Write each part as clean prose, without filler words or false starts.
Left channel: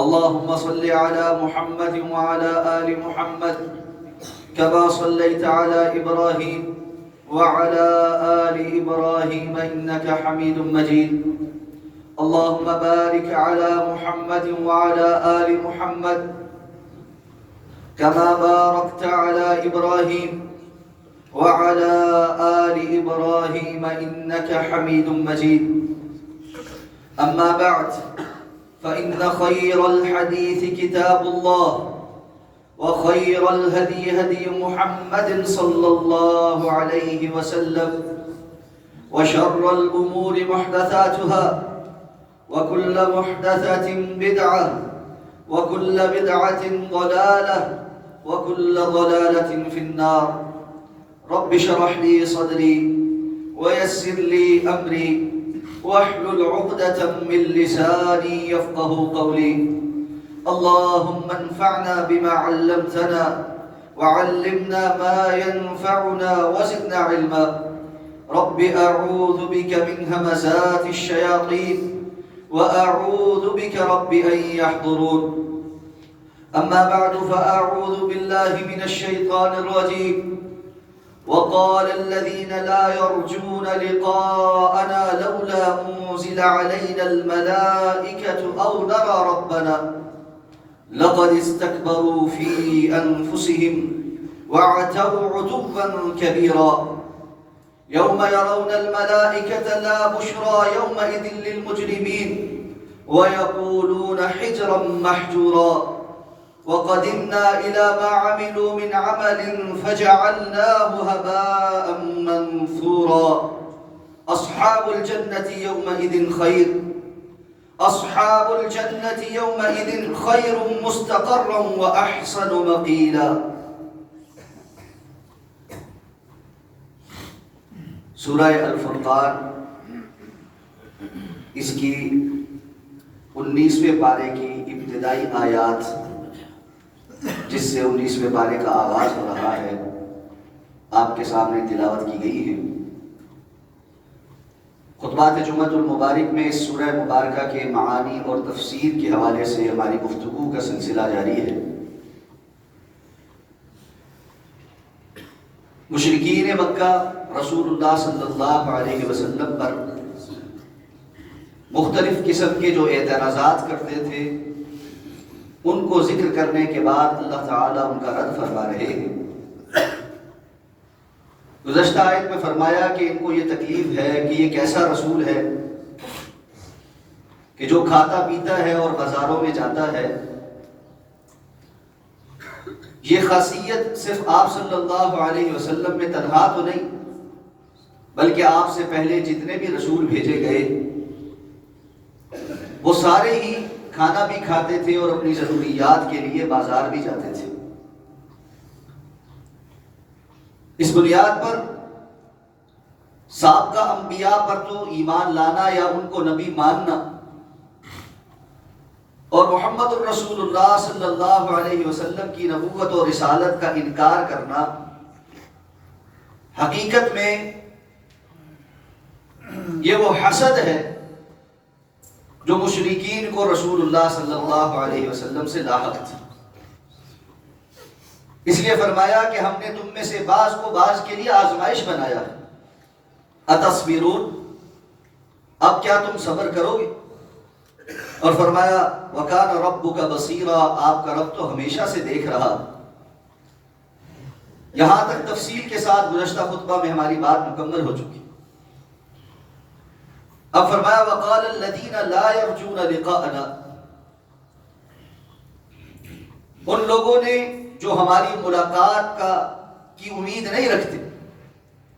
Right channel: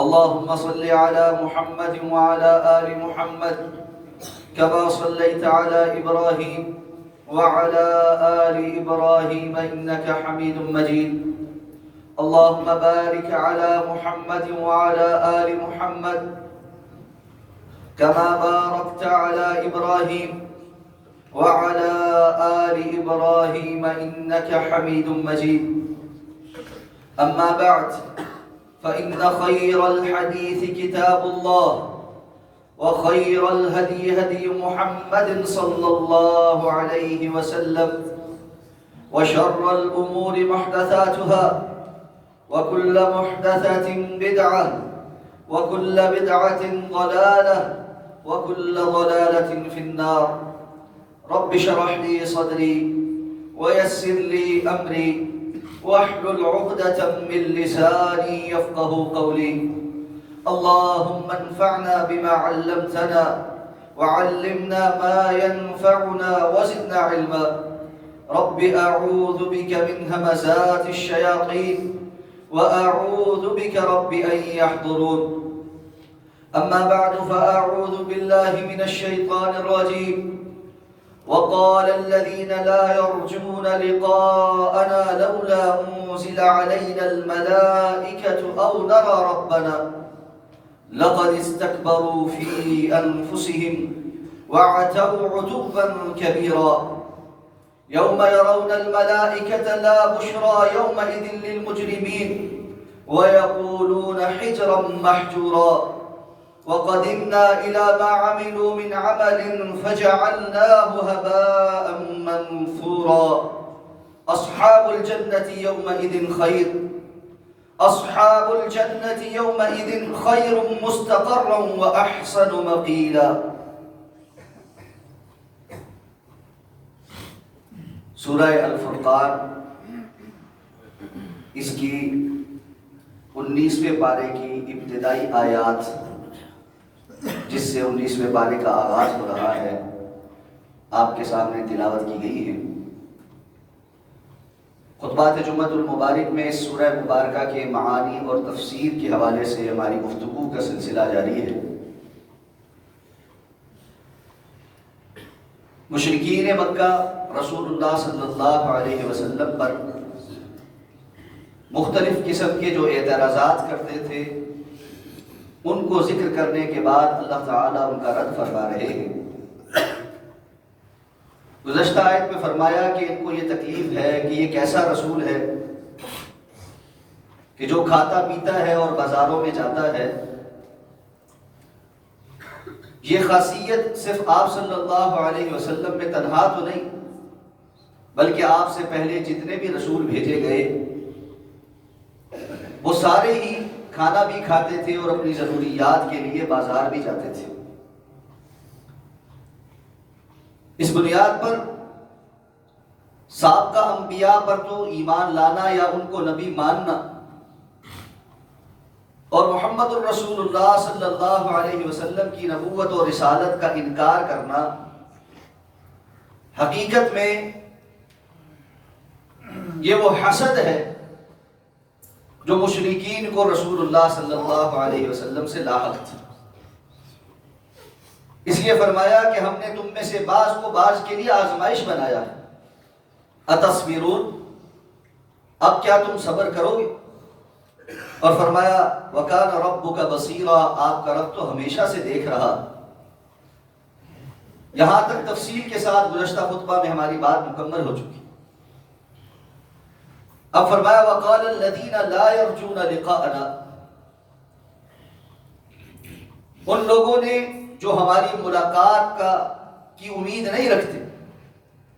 اللهم صل على محمد وعلى آل محمد كما صليت على إبراهيم وعلى آل إبراهيم إنك حميد مجيد. اللهم بارك على محمد وعلى آل محمد كما باركت على إبراهيم وعلى آل إبراهيم إنك حميد مجيد. أما بعد، فإن خير الحديث كتاب الله، وخير الهدي هدي محمد صلى الله عليه وسلم، وشر الأمور محدثاتها، وكل محدثة بدعة، وكل بدعة ضلالة، وكل ضلالة في النار. رب اشرح لي صدري ويسر لي أمري واحلل عقدة من لساني يفقه قولي. اللهم انفعنا بما علمتنا وعلمنا ما ينفعنا وزدنا علما. رب أعوذ بك من همزات الشياطين وأعوذ بك رب أن يحضرون. أما بعد، فأعوذ بالله من الشيطان الرجيم. وقال الذين لا يرجون لقاءنا لولا أنزل علينا الملائكة أو نرى ربنا لقد استكبروا في أنفسهم وعتوا عتوا كبيرا. يوم يرون الملائكة لا بشرى يومئذ للمجرمين ويقولون حجرا محجورا. وقدمنا إلى ما عملوا من عمل فجعلناه هباء منثورا. أصحاب الجنة يومئذ خير، أصحاب الجنة يومئذ خير مستقرا وأحسن مقيلا. سورہ الفرقان، اس کی 19ویں پارے کی ابتدائی آیات، جس سے 19ویں پارے کا آغاز ہو رہا ہے، آپ کے سامنے تلاوت کی گئی ہے۔ خطبات جمعۃ المبارک میں اس سورہ مبارکہ کے معانی اور تفسیر کے حوالے سے ہماری گفتگو کا سلسلہ جاری ہے۔ مشرکین مکہ رسول اللہ صلی اللہ علیہ وسلم پر مختلف قسم کے جو اعتراضات کرتے تھے، ان کو ذکر کرنے کے بعد اللہ تعالیٰ ان کا رد فرما رہے ہیں۔ گزشتہ آیت میں فرمایا کہ ان کو یہ تکلیف ہے کہ یہ کیسا رسول ہے کہ جو کھاتا پیتا ہے اور بازاروں میں جاتا ہے۔ یہ خاصیت صرف آپ صلی اللہ علیہ وسلم میں تنہا تو نہیں، بلکہ آپ سے پہلے جتنے بھی رسول بھیجے گئے وہ سارے ہی کھانا بھی کھاتے تھے اور اپنی ضروریات کے لیے بازار بھی جاتے تھے۔ اس بنیاد پر سابقہ انبیاء پر تو ایمان لانا یا ان کو نبی ماننا اور محمد الرسول اللہ صلی اللہ علیہ وسلم کی نبوت اور رسالت کا انکار کرنا حقیقت میں یہ وہ حسد ہے جو مشرکین کو رسول اللہ صلی اللہ علیہ وسلم سے لاحق تھی۔ اس لیے فرمایا کہ ہم نے تم میں سے بعض کو بعض کے لیے آزمائش بنایا ہے۔ اتصبرون، اب کیا تم صبر کرو گے؟ اور فرمایا وَكَانَ رَبُّكَ بَصِيرًا، آپ کا رب تو ہمیشہ سے دیکھ رہا۔ یہاں تک تفصیل کے ساتھ گزشتہ خطبہ میں ہماری بات مکمل ہو چکی۔ اب فرمایا وَقَالَ الَّذِينَ لَا يَرْجُونَ لِقَاءَنَا، ان لوگوں نے جو ہماری ملاقات کی امید نہیں رکھتے،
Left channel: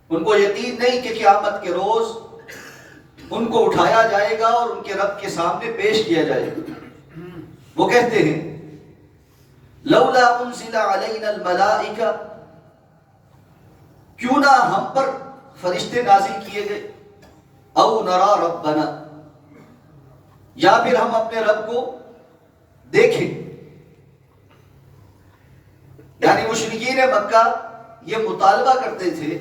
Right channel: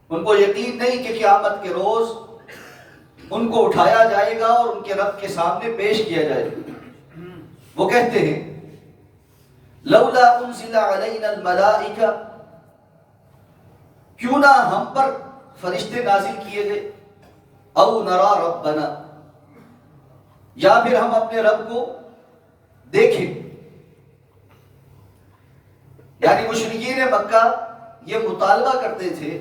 ان کو یقین نہیں کہ قیامت کے روز ان کو اٹھایا جائے گا اور ان کے رب کے سامنے پیش کیا جائے گا، وہ کہتے ہیں لولا انزل علینا الملائکہ، کیوں نہ ہم پر فرشتے نازل کیے گئے، او نرا ربنا، یا پھر ہم اپنے رب کو دیکھیں۔ یعنی مشرکین مکہ یہ مطالبہ کرتے تھے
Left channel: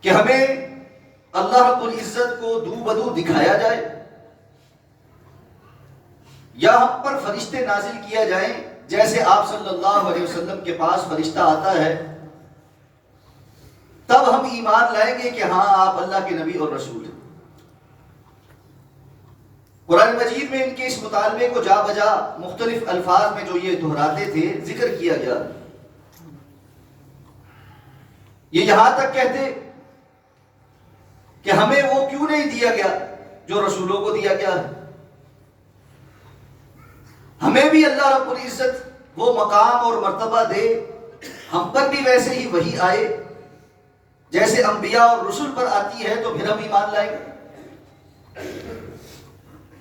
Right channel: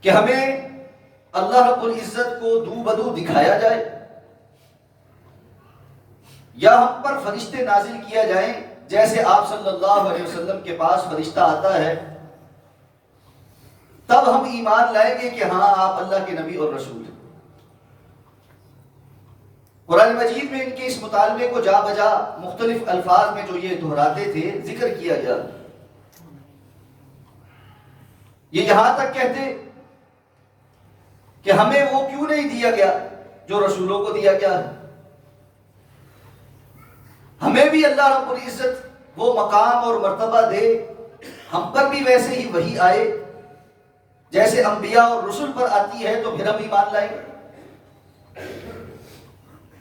کہ ہمیں اللہ رب العزت کو دو بدو دکھایا جائے، یا ہم پر فرشتے نازل کیا جائیں جیسے آپ صلی اللہ علیہ وسلم کے پاس فرشتہ آتا ہے، تب ہم ایمان لائیں گے کہ ہاں آپ اللہ کے نبی اور رسول ہیں۔ قرآن مجید میں ان کے اس مطالبے کو جا بجا مختلف الفاظ میں جو یہ دہراتے تھے ذکر کیا گیا۔ یہ یہاں تک کہتے کہ ہمیں وہ کیوں نہیں دیا گیا جو رسولوں کو دیا گیا ہے، ہمیں بھی اللہ رب العزت وہ مقام اور مرتبہ دے، ہم پر بھی ویسے ہی وحی آئے جیسے انبیاء اور رسول پر آتی ہے، تو پھر ہم ایمان لائیں گے۔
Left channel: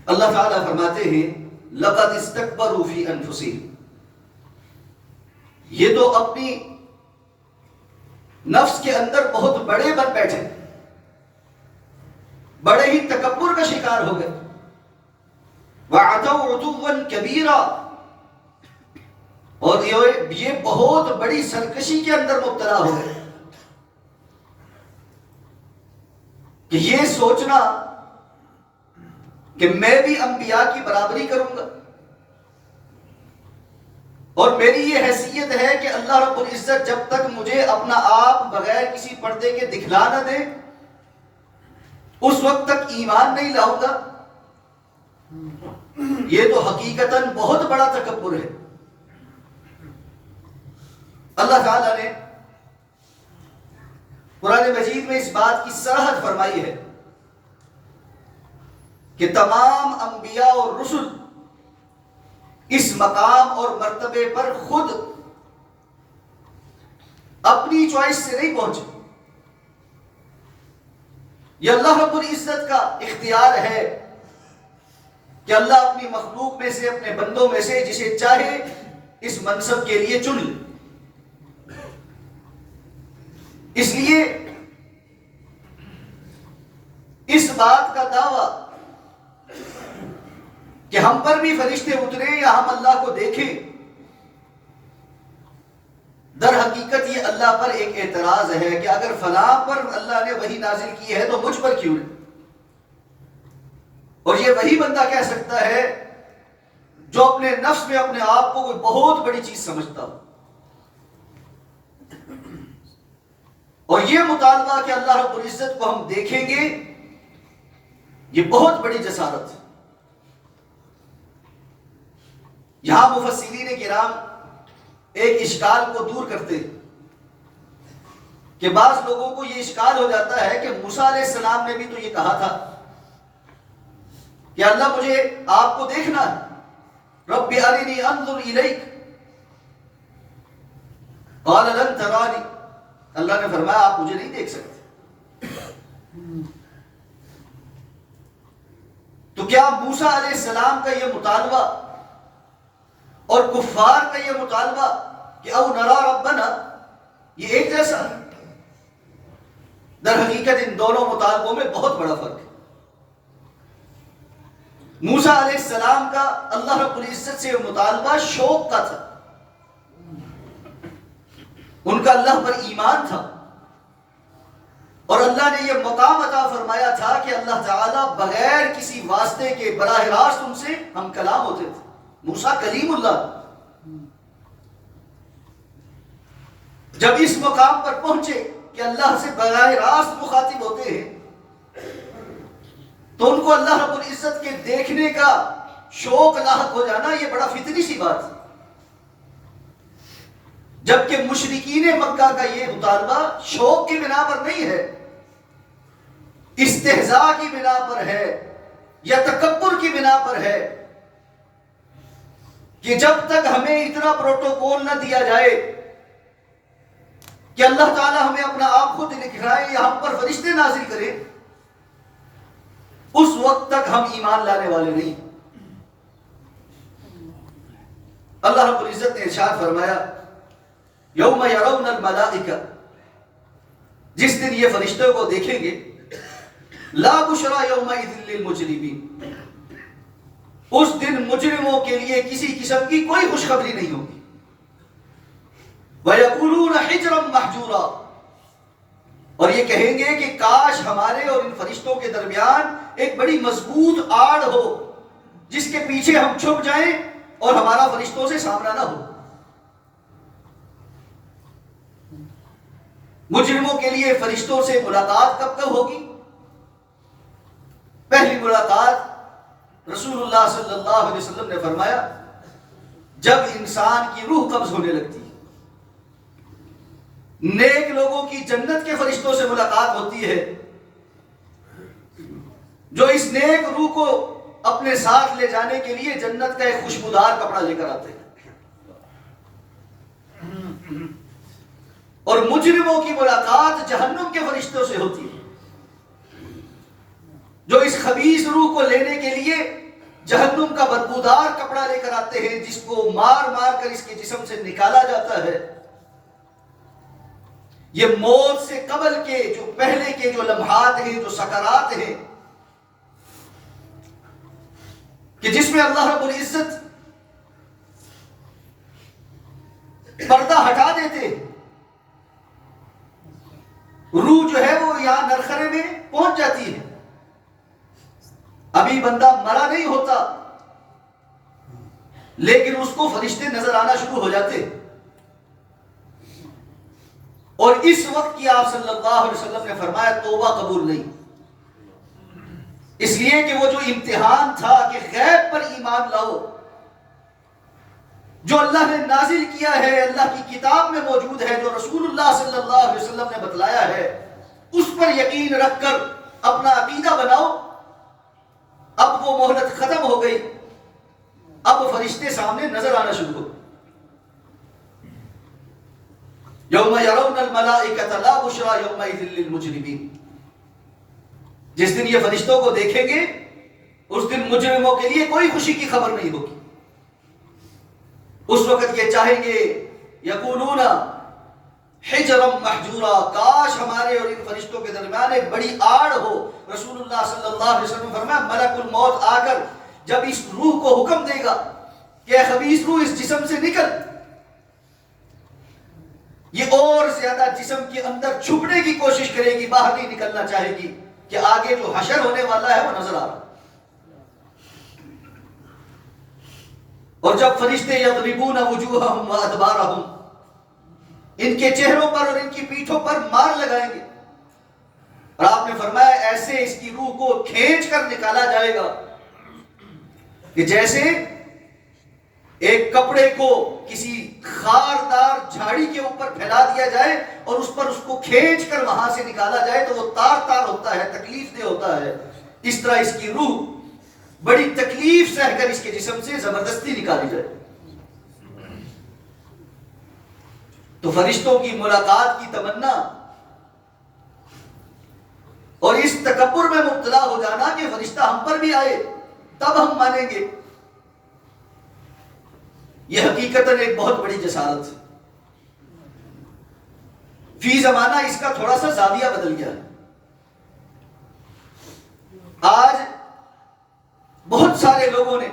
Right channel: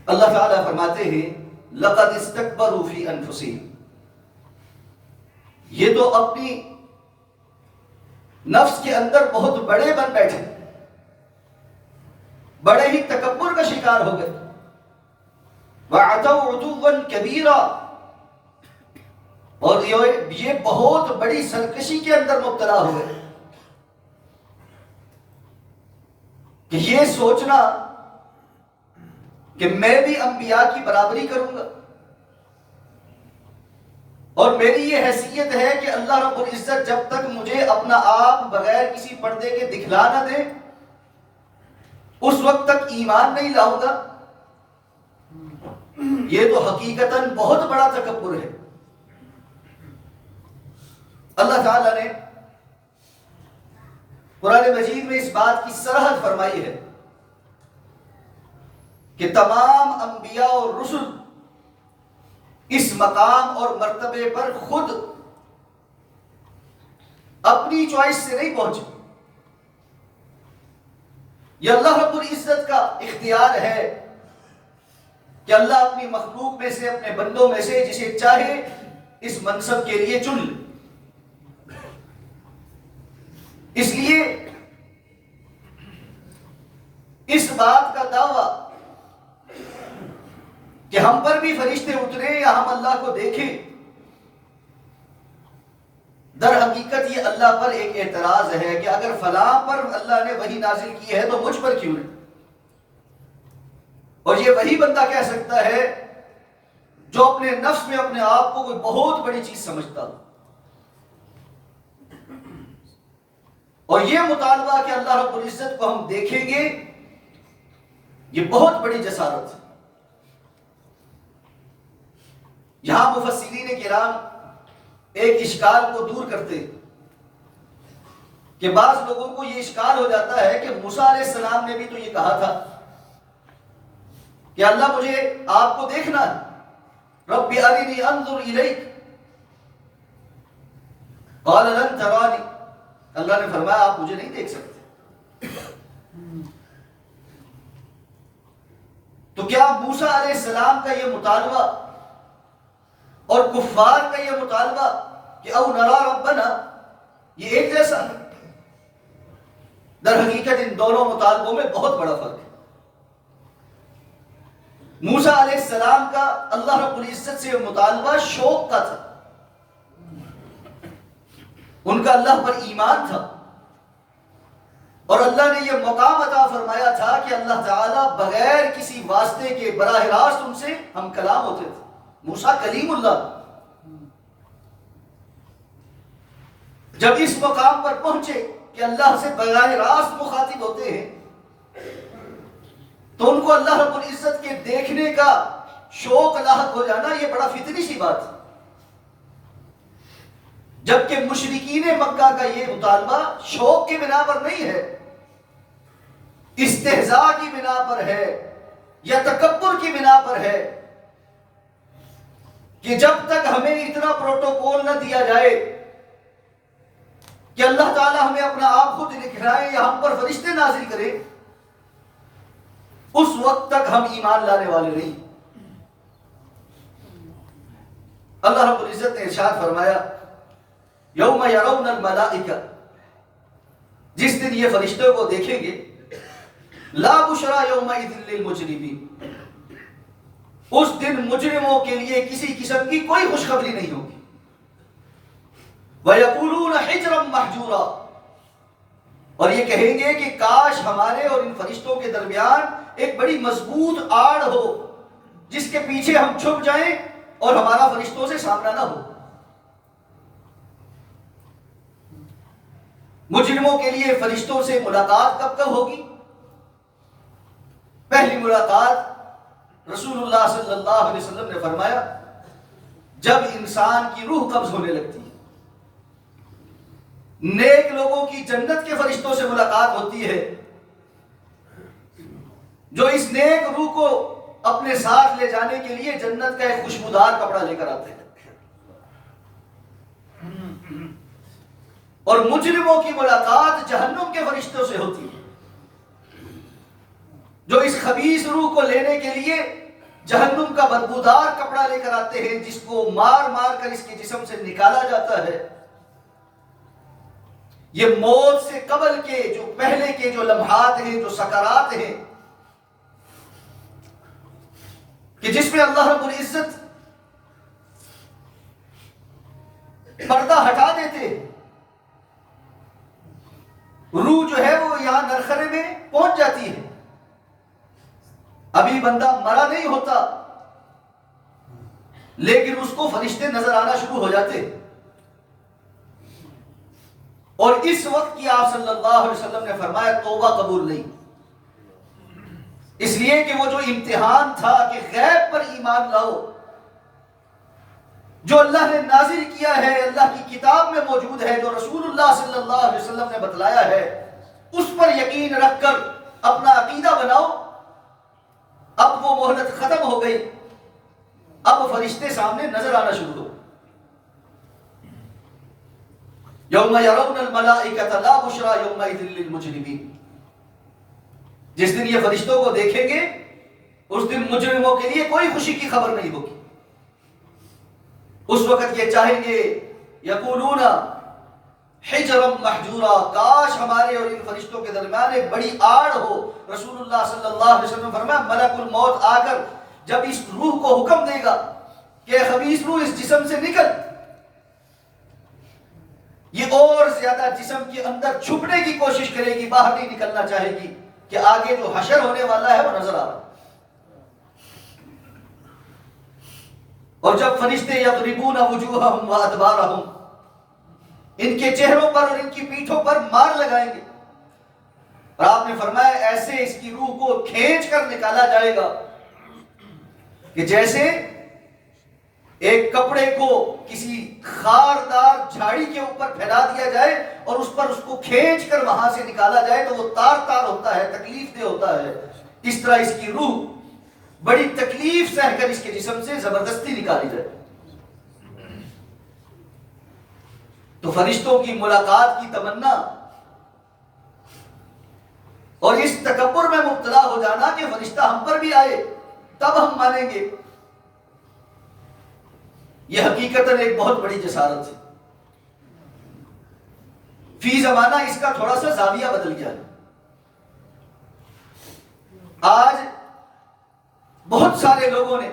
اللہ تعالیٰ فرماتے ہیں لَقَدِ اسْتَكْبَرُوا فِي أَنفُسِهِمْ، یہ تو اپنی نفس کے اندر بہت بڑے بن بیٹھے، بڑے ہی تکبر کا شکار ہو گئے۔ وَعَتَوْا عُتُوًّا كَبِيرًا، اور یہ بہت بڑی سرکشی کے اندر مبتلا ہو گئے کہ یہ سوچنا کہ میں بھی انبیاء کی برابری کروں گا اور میری یہ حیثیت ہے کہ اللہ رب العزت جب تک مجھے اپنا آپ بغیر کسی پردے کے دکھلا نہ دے اس وقت تک ایمان نہیں لاؤں گا، یہ تو حقیقتاً بہت بڑا تکبر ہے۔ اللہ تعالیٰ نے قرآن مجید میں اس بات کی صراحت فرمائی ہے کہ تمام انبیاء اور رسل اس مقام اور مرتبے پر خود اپنی چوائس سے نہیں پہنچے، یہ اللہ رب العزت کا اختیار ہے کہ اللہ اپنی مخلوق میں سے، اپنے بندوں میں سے جسے چاہے اس منصب کے لیے چن لے۔ اس لیے اس بات کا دعویٰ کہ ہم پر بھی فرشتے اترے یا ہم اللہ کو دیکھیں، در حقیقت یہ اللہ پر ایک اعتراض ہے کہ اگر فلاں پر اللہ نے وحی نازل کی ہے تو مجھ پر کیوں نہیں؟ اور یہ وہی بندہ کہہ سکتا ہے جو اپنے نفس میں اپنے آپ کو کوئی بہت بڑی چیز سمجھتا ہو، اور یہ مطالبہ کہ اللہ رب العزت کو ہم دیکھیں گے یہ بہت بڑی جسارت ہے۔ یہاں مفسرین کرام ایک اشکال کو دور کرتے کہ بعض لوگوں کو یہ اشکال ہو جاتا ہے کہ موسیٰ علیہ السلام نے بھی تو یہ کہا تھا کہ اللہ مجھے آپ کو دیکھنا ہے، رب ارنی انظر الیک، قال لن ترانی، اللہ نے فرمایا آپ مجھے نہیں دیکھ سکتے۔ تو کیا موسیٰ علیہ السلام کا یہ مطالبہ اور کفار کا یہ مطالبہ کہ او نرا ربنا یہ ایک جیسا ہے؟ در حقیقت ان دونوں مطالبوں میں بہت بڑا فرق ہے۔ موسیٰ علیہ السلام کا اللہ رب العزت سے مطالبہ شوق کا تھا، ان کا اللہ پر ایمان تھا، اور اللہ نے یہ مقام عطا فرمایا تھا کہ اللہ تعالیٰ بغیر کسی واسطے کے براہ راست ان سے ہم کلام ہوتے تھے۔ موسیٰ کلیم اللہ، جب اس مقام پر پہنچے کہ اللہ سے براہ راست مخاطب ہوتے ہیں تو ان کو اللہ رب العزت کے دیکھنے کا شوق لاحق ہو جانا یہ بڑا فطری سی بات ہے، جبکہ مشرکین مکہ کا یہ مطالبہ شوق کی بنا پر نہیں ہے، استہزاء کی بنا پر ہے یا تکبر کی بنا پر ہے کہ جب تک ہمیں اتنا پروٹوکول نہ دیا جائے کہ اللہ تعالیٰ ہمیں اپنا آپ خود دکھلائے یا ہم پر فرشتے نازل کرے، اس وقت تک ہم ایمان لانے والے نہیں۔ اللہ رب العزت نے ارشاد فرمایا یوم یرون الملائکہ، جس دن یہ فرشتوں کو دیکھیں گے، لا بشرا یومئذ للمجرمین، اس دن مجرموں کے لیے کسی قسم کی کوئی خوشخبری نہیں ہوگی۔ وَيَقُولُونَ حِجْرًا مَحْجُورًا، اور یہ کہیں گے کہ کاش ہمارے اور ان فرشتوں کے درمیان ایک بڑی مضبوط آڑ ہو جس کے پیچھے ہم چھپ جائیں اور ہمارا فرشتوں سے سامنا نہ ہو۔ مجرموں کے لیے فرشتوں سے ملاقات کب کب ہوگی؟ پہلی ملاقات رسول اللہ صلی اللہ علیہ وسلم نے فرمایا جب انسان کی روح قبض ہونے لگتی ہے۔ نیک لوگوں کی جنت کے فرشتوں سے ملاقات ہوتی ہے جو اس نیک روح کو اپنے ساتھ لے جانے کے لیے جنت کا ایک خوشبودار کپڑا لے کر آتے ہیں، اور مجرموں کی ملاقات جہنم کے فرشتوں سے ہوتی ہے جو اس خبیث روح کو لینے کے لیے جہنم کا بدبودار کپڑا لے کر آتے ہیں، جس کو مار مار کر اس کے جسم سے نکالا جاتا ہے۔ یہ موت سے قبل کے جو پہلے کے جو لمحات ہیں، جو سکرات ہیں، کہ جس میں اللہ رب العزت پردہ ہٹا دیتے، روح جو ہے وہ یہاں نرخرے میں پہنچ جاتی ہے، ابھی بندہ مرا نہیں ہوتا لیکن اس کو فرشتے نظر آنا شروع ہو جاتے، اور اس وقت کی آپ صلی اللہ علیہ وسلم نے فرمایا توبہ قبول نہیں، اس لیے کہ وہ جو امتحان تھا کہ غیب پر ایمان لاؤ، جو اللہ نے نازل کیا ہے، اللہ کی کتاب میں موجود ہے، جو رسول اللہ صلی اللہ علیہ وسلم نے بتلایا ہے، اس پر یقین رکھ کر اپنا عقیدہ بناؤ۔ اب وہ مہلت ختم ہو گئی، اب فرشتے سامنے نظر آنا شروع ہو۔ یوم یرون الملائکۃ لا بشری یومئذ للمجرمین، جس دن یہ فرشتوں کو دیکھیں گے اس دن مجرموں کے لیے کوئی خوشی کی خبر نہیں ہوگی۔ اس وقت یہ چاہیں گے یقولون حجرا محجورا، کاش ہمارے اور ان فرشتوں کے درمیان ایک بڑی آڑ ہو۔ رسول اللہ صلی اللہ علیہ وسلم نے فرمایا ملک الموت آ کر جب اس روح کو حکم دے گا کہ اے خبیث روح اس جسم سے نکل، یہ اور زیادہ جسم کے اندر چھپنے کی کوشش کرے گی، باہر نہیں نکلنا چاہے گی کہ آگے جو حشر ہونے والا ہے وہ نظر آ رہا۔ اور جب فرشتے یضربون وجوہہم وادبارہم، ان کے چہروں پر اور ان کی پیٹھوں پر مار لگائیں گے، اور آپ نے فرمایا ایسے اس کی روح کو کھینچ کر نکالا جائے گا کہ جیسے ایک کپڑے کو کسی خاردار جھاڑی کے اوپر پھیلا دیا جائے اور اس پر اس کو کھینچ کر وہاں سے نکالا جائے تو وہ تار تار ہوتا ہے، تکلیف دہ ہوتا ہے، اس طرح اس کی روح بڑی تکلیف سہ کر اس کے جسم سے زبردستی نکالی جائے۔ تو فرشتوں کی ملاقات کی تمنا اور اس تکبر میں مبتلا ہو جانا کہ فرشتہ ہم پر بھی آئے تب ہم مانیں گے، یہ حقیقتاً ایک بہت بڑی جسارت ہے۔ فی زمانہ اس کا تھوڑا سا زاویہ بدل گیا ہے۔ آج بہت سارے لوگوں نے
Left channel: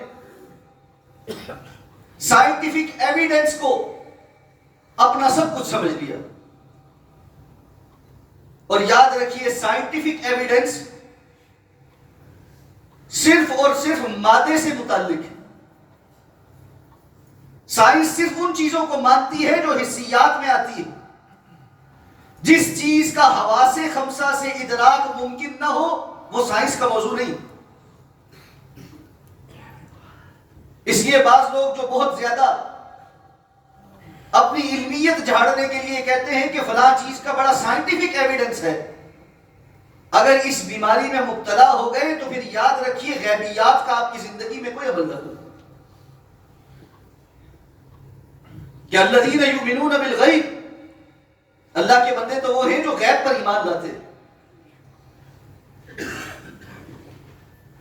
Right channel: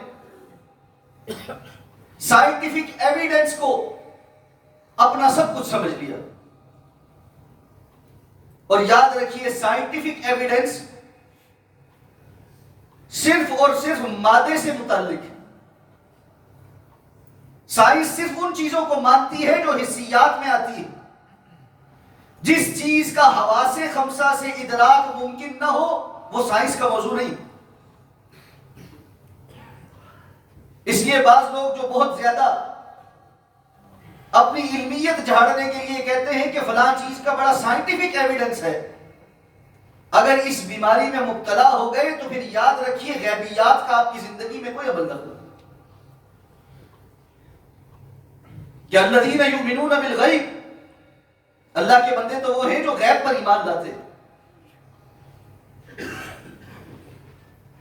سائنٹیفک ایویڈنس کو اپنا سب کچھ سمجھ لیا، اور یاد رکھیے سائنٹیفک ایویڈنس صرف اور صرف مادے سے متعلق ہے۔ سائنس صرف ان چیزوں کو مانتی ہے جو حسیات میں آتی ہے۔ جس چیز کا حواس خمسہ سے ادراک ممکن نہ ہو وہ سائنس کا موضوع نہیں۔ اس لیے بعض لوگ جو بہت زیادہ اپنی علمیت جھاڑنے کے لیے کہتے ہیں کہ فلاں چیز کا بڑا سائنٹیفک ایویڈنس ہے، اگر اس بیماری میں مبتلا ہو گئے تو پھر یاد رکھیے غیبیات کا آپ کی زندگی میں کوئی عمل نہ ہو۔ کہ الذین یؤمنون بالغیب، اللہ کے بندے تو وہ ہیں جو غیب پر ایمان لاتے ہیں۔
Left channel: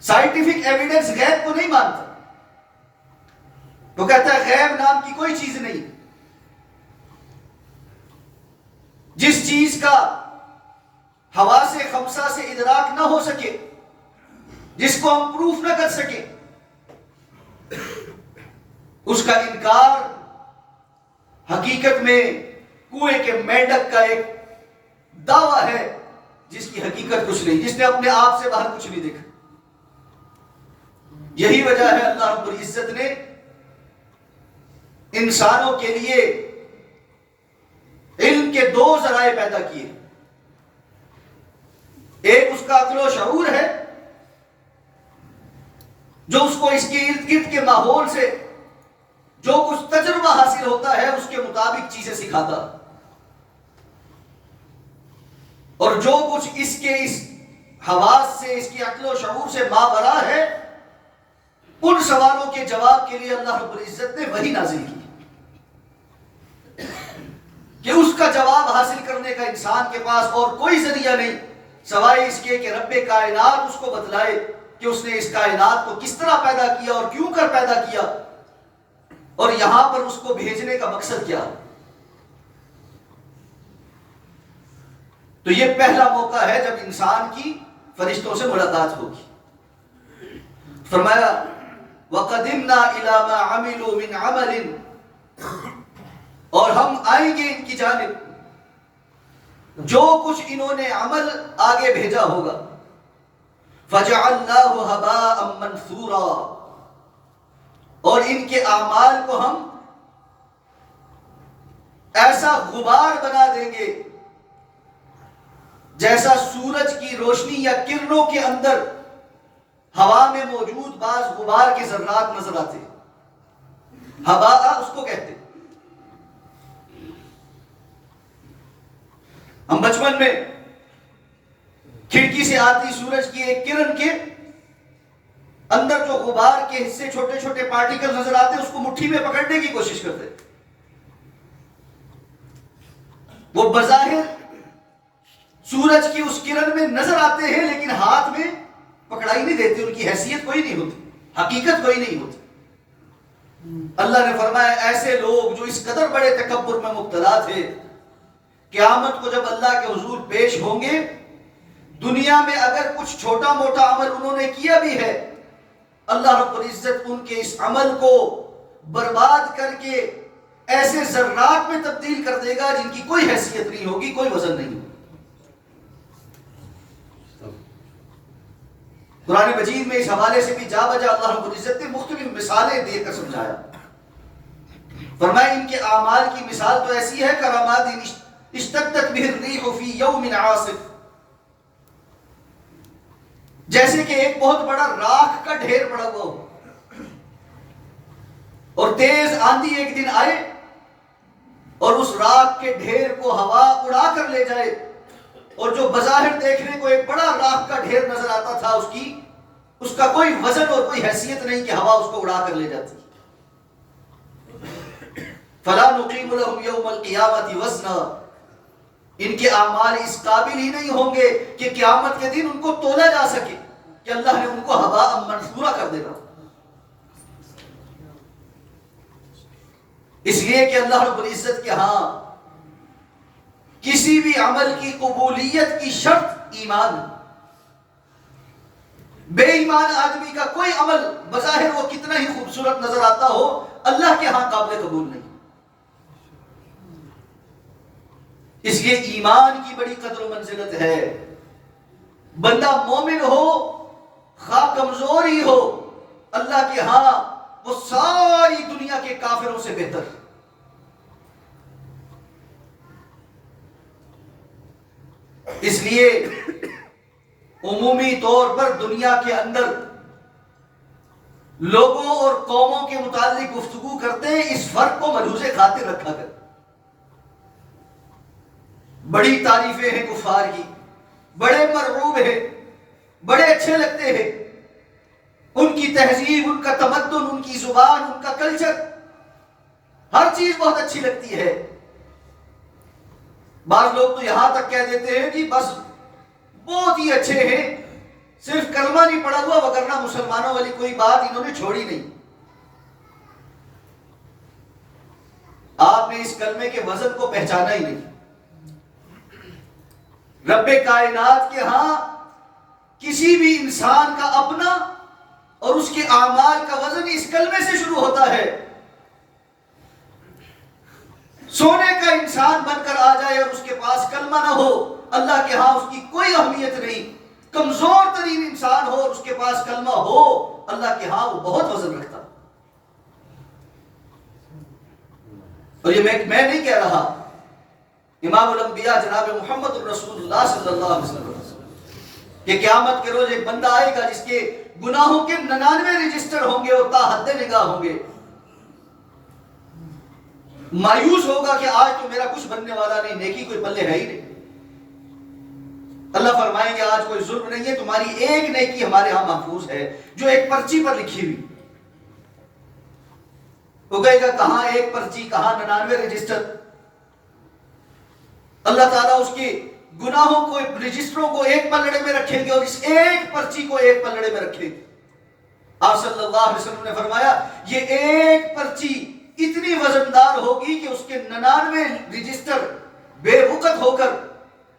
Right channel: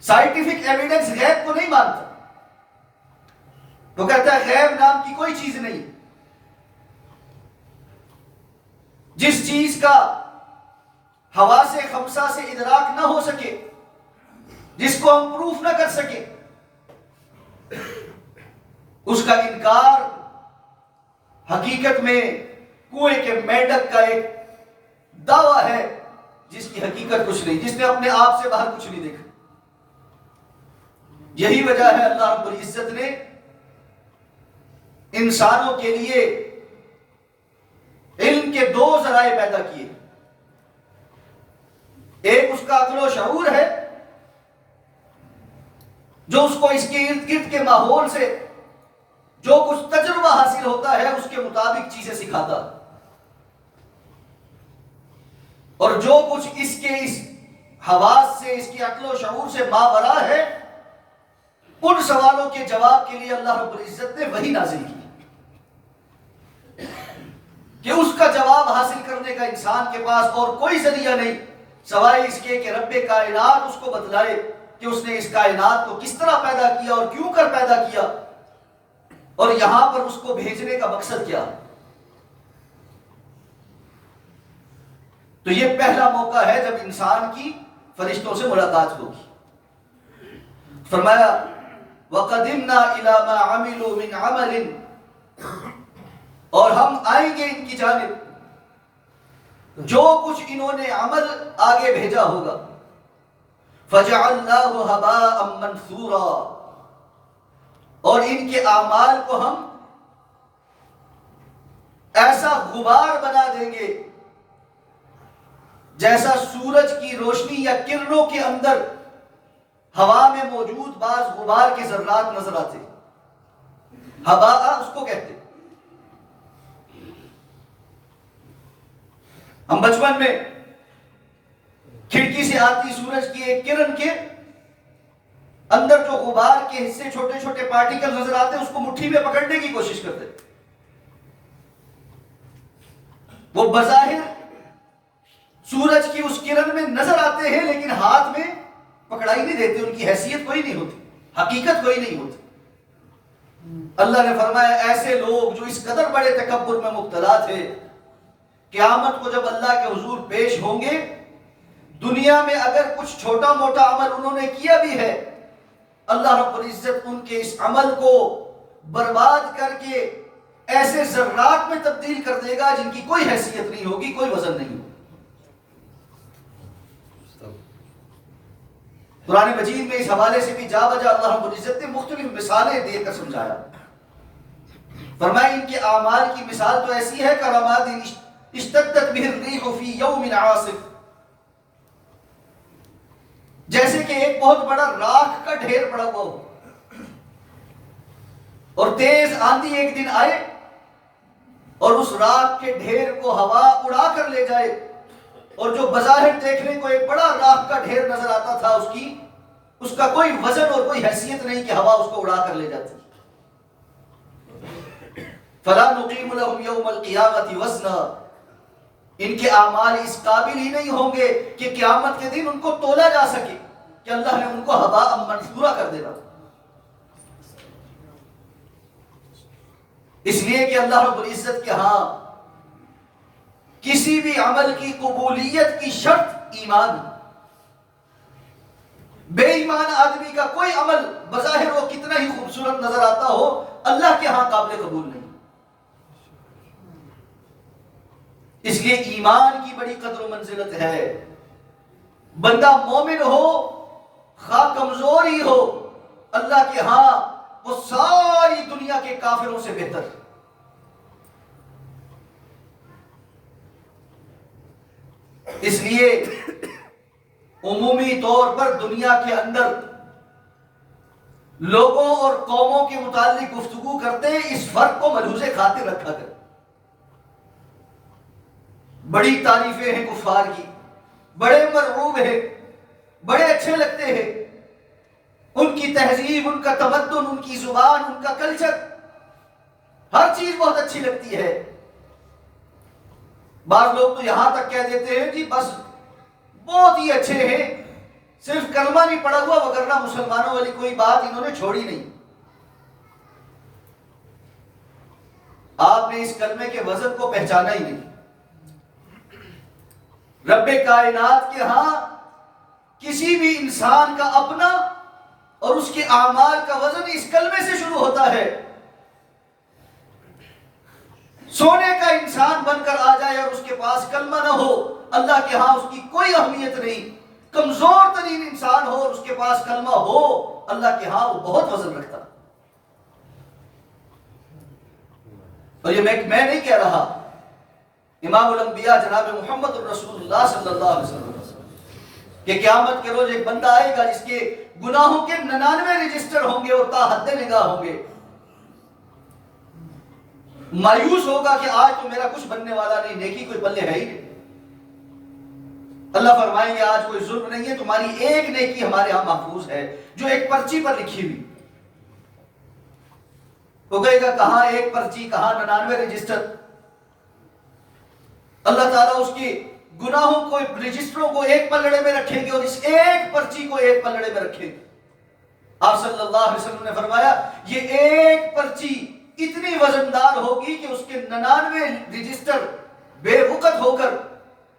سائنٹیفک ایویڈنس غیب کو نہیں مانتا، وہ کہتا ہے غیب نام کی کوئی چیز نہیں۔ جس چیز کا حواس خمسہ سے ادراک نہ ہو سکے، جس کو ہم پروف نہ کر سکے، اس کا انکار حقیقت میں کنویں کے میڈک کا ایک دعویٰ ہے جس کی حقیقت کچھ نہیں، جس نے اپنے آپ سے باہر کچھ نہیں دیکھا۔ یہی وجہ ہے اللہ رب العزت نے انسانوں کے لیے علم کے دو ذرائع پیدا کیے. ایک اس کا عقل و شعور ہے جو اس کو اس کے ارد گرد کے ماحول سے جو کچھ تجربہ حاصل ہوتا ہے اس کے مطابق چیزیں سکھاتا، اور جو کچھ اس کے اس حواس سے، اس کی عقل و شعور سے ماورا ہے، ان سوالوں کے جواب کے لیے اللہ رب العزت نے وحی نازل کی کہ اس کا جواب حاصل کرنے کا انسان کے پاس اور کوئی ذریعہ نہیں سوائے اس کے کہ رب کائنات اس کو بتلائے کہ اس نے اس کائنات کو کس طرح پیدا کیا اور کیوں کر پیدا کیا، اور یہاں پر اس کو بھیجنے کا مقصد کیا. تو یہ پہلا موقع ہے جب انسان کی فرشتوں سے ملاقات ہوگی. فرمایا وَقَدِمْنَا إِلَى مَا عَمِلُوا مِنْ عَمَلٍ، اور ہم آئیں گے ان کی جانب جو کچھ انہوں نے عمل آگے بھیجا ہوگا. فَجَعَلْنَاهُ هَبَاءً مَنْثُورًا، اور ان کے اعمال کو ہم ایسا غبار بنا دیں گے جیسا سورج کی روشنی یا کرنوں کے اندر ہوا میں موجود بعض غبار کے ذرات نظر آتے. ہباء اس کو کہتے. ہم بچپن میں کھڑکی سے آتی سورج کی ایک کرن کے اندر جو غبار کے حصے چھوٹے چھوٹے پارٹیکل نظر آتے اس کو مٹھی میں پکڑنے کی کوشش کرتے. وہ بظاہر سورج کی اس کرن میں نظر آتے ہیں لیکن ہاتھ میں پکڑائی نہیں دیتے، ان کی حیثیت کوئی نہیں ہوتی، حقیقت کوئی نہیں ہوتی. اللہ نے فرمایا ایسے لوگ جو اس قدر بڑے تکبر میں مبتلا تھے، قیامت کو جب اللہ کے حضور پیش ہوں گے، دنیا میں اگر کچھ چھوٹا موٹا عمل انہوں نے کیا بھی ہے، اللہ رب العزت ان کے اس عمل کو برباد کر کے ایسے ذرات میں تبدیل کر دے گا جن کی کوئی حیثیت نہیں ہوگی، کوئی وزن نہیں ہوگا. قرآن مجید میں اس حوالے سے بھی جا بجا اللہ رب العزت نے مختلف مثالیں دے کر سمجھایا. فرمایا ان کے اعمال کی مثال تو ایسی ہے کرامات اشتدت به الريح في يوم عاصف، جیسے کہ ایک بہت بڑا راکھ کا ڈھیر پڑا ہوا ہو اور تیز آندھی ایک دن آئے اور اس راکھ کے ڈھیر کو ہوا اڑا کر لے جائے، اور جو بظاہر دیکھنے کو ایک بڑا راکھ کا ڈھیر نظر آتا تھا اس کا کوئی وزن اور کوئی حیثیت نہیں کہ ہوا اس کو اڑا کر لے جاتی. فَلَا نُقِيمُ لَهُمْ يَوْمَ الْقِيَامَةِ وَزْنًا، ان کے اعمال اس قابل ہی نہیں ہوں گے کہ قیامت کے دن ان کو تولا جا سکے کہ اللہ نے ان کو ہباء منثورا کر دینا. اس لیے کہ اللہ رب العزت کے ہاں کسی بھی عمل کی قبولیت کی شرط ایمان ہے. بے ایمان آدمی کا کوئی عمل بظاہر وہ کتنا ہی خوبصورت نظر آتا ہو، اللہ کے ہاں قابل قبول نہیں. اس لیے ایمان کی بڑی قدر و منزلت ہے. بندہ مومن ہو خواہ کمزور ہی ہو، اللہ کے ہاں وہ ساری دنیا کے کافروں سے بہتر. اس لیے عمومی طور پر دنیا کے اندر لوگوں اور قوموں کے متعلق گفتگو کرتے ہیں، اس فرق کو ملحوظ خاطر رکھا کر. بڑی تعریفیں ہیں کفار کی، بڑے مرعوب ہیں، بڑے اچھے لگتے ہیں، ان کی تہذیب، ان کا تمدن، ان کی زبان، ان کا کلچر، ہر چیز بہت اچھی لگتی ہے. بعض لوگ تو یہاں تک کہہ دیتے ہیں کہ بس بہت ہی اچھے ہیں، صرف کلمہ نہیں پڑا ہوا، وگرنہ مسلمانوں والی کوئی بات انہوں نے چھوڑی نہیں. آپ نے اس کلمے کے وزن کو پہچانا ہی نہیں. رب کائنات کے ہاں کسی بھی انسان کا اپنا اور اس کے اعمال کا وزن اس کلمے سے شروع ہوتا ہے. سونے کا انسان بن کر آ جائے اور اس کے پاس کلمہ نہ ہو، اللہ کے ہاں اس کی کوئی اہمیت نہیں. کمزور ترین انسان ہو اور اس کے پاس کلمہ ہو، اللہ کے ہاں وہ بہت وزن رکھتا۔ اور یہ میں نہیں کہہ رہا، امام الانبیاء جناب محمد الرسول اللہ صلی اللہ علیہ وسلم کہ قیامت کے روز ایک بندہ آئے گا جس کے گناہوں کے 99 رجسٹر ہوں گے اور تا حد نگاہ ہوں گے، مایوس ہوگا کہ آج تو میرا کچھ بننے والا نہیں، نیکی کوئی پلے ہے ہی نہیں۔ اللہ فرمائیں گے آج کوئی ظلم نہیں ہے، تمہاری ایک نیکی ہمارے ہاں محفوظ ہے جو ایک پرچی پر لکھی ہوئی۔ وہ کہے گا کہاں ایک پرچی، کہاں 99 رجسٹر؟ اللہ تعالیٰ اس کے گناہوں کو، رجسٹروں کو ایک پلڑے میں رکھیں گے اور اس ایک پرچی کو ایک پلڑے میں رکھیں گے۔ آپ صلی اللہ علیہ وسلم نے فرمایا یہ ایک پرچی اتنی وزندار ہوگی کہ اس کے 99 رجسٹر بے وقت ہو کر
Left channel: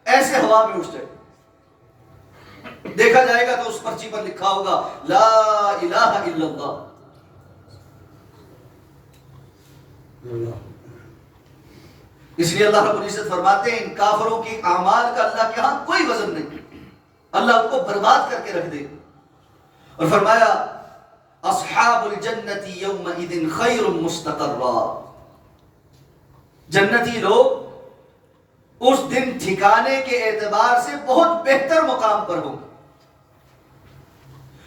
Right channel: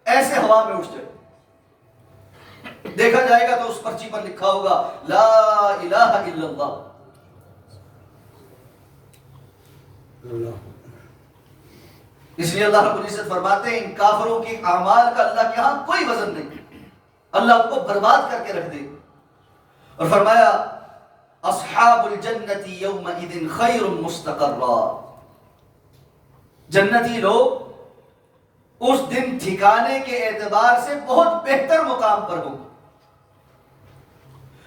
ایسے ہوا میں اٹھ جائے۔ دیکھا جائے گا تو اس پرچی پر لکھا ہوگا لا الہ الا اللہ۔ اس لیے اللہ رب العزت فرماتے ہیں ان کافروں کے اعمال کا اللہ کے ہاں کوئی وزن نہیں، اللہ ان کو برباد کر کے رکھ دے۔ اور فرمایا اصحاب الجنت یومئذ خیر مستقرا، جنتی لوگ اس دن ٹھکانے کے اعتبار سے بہت بہتر مقام پر ہوں۔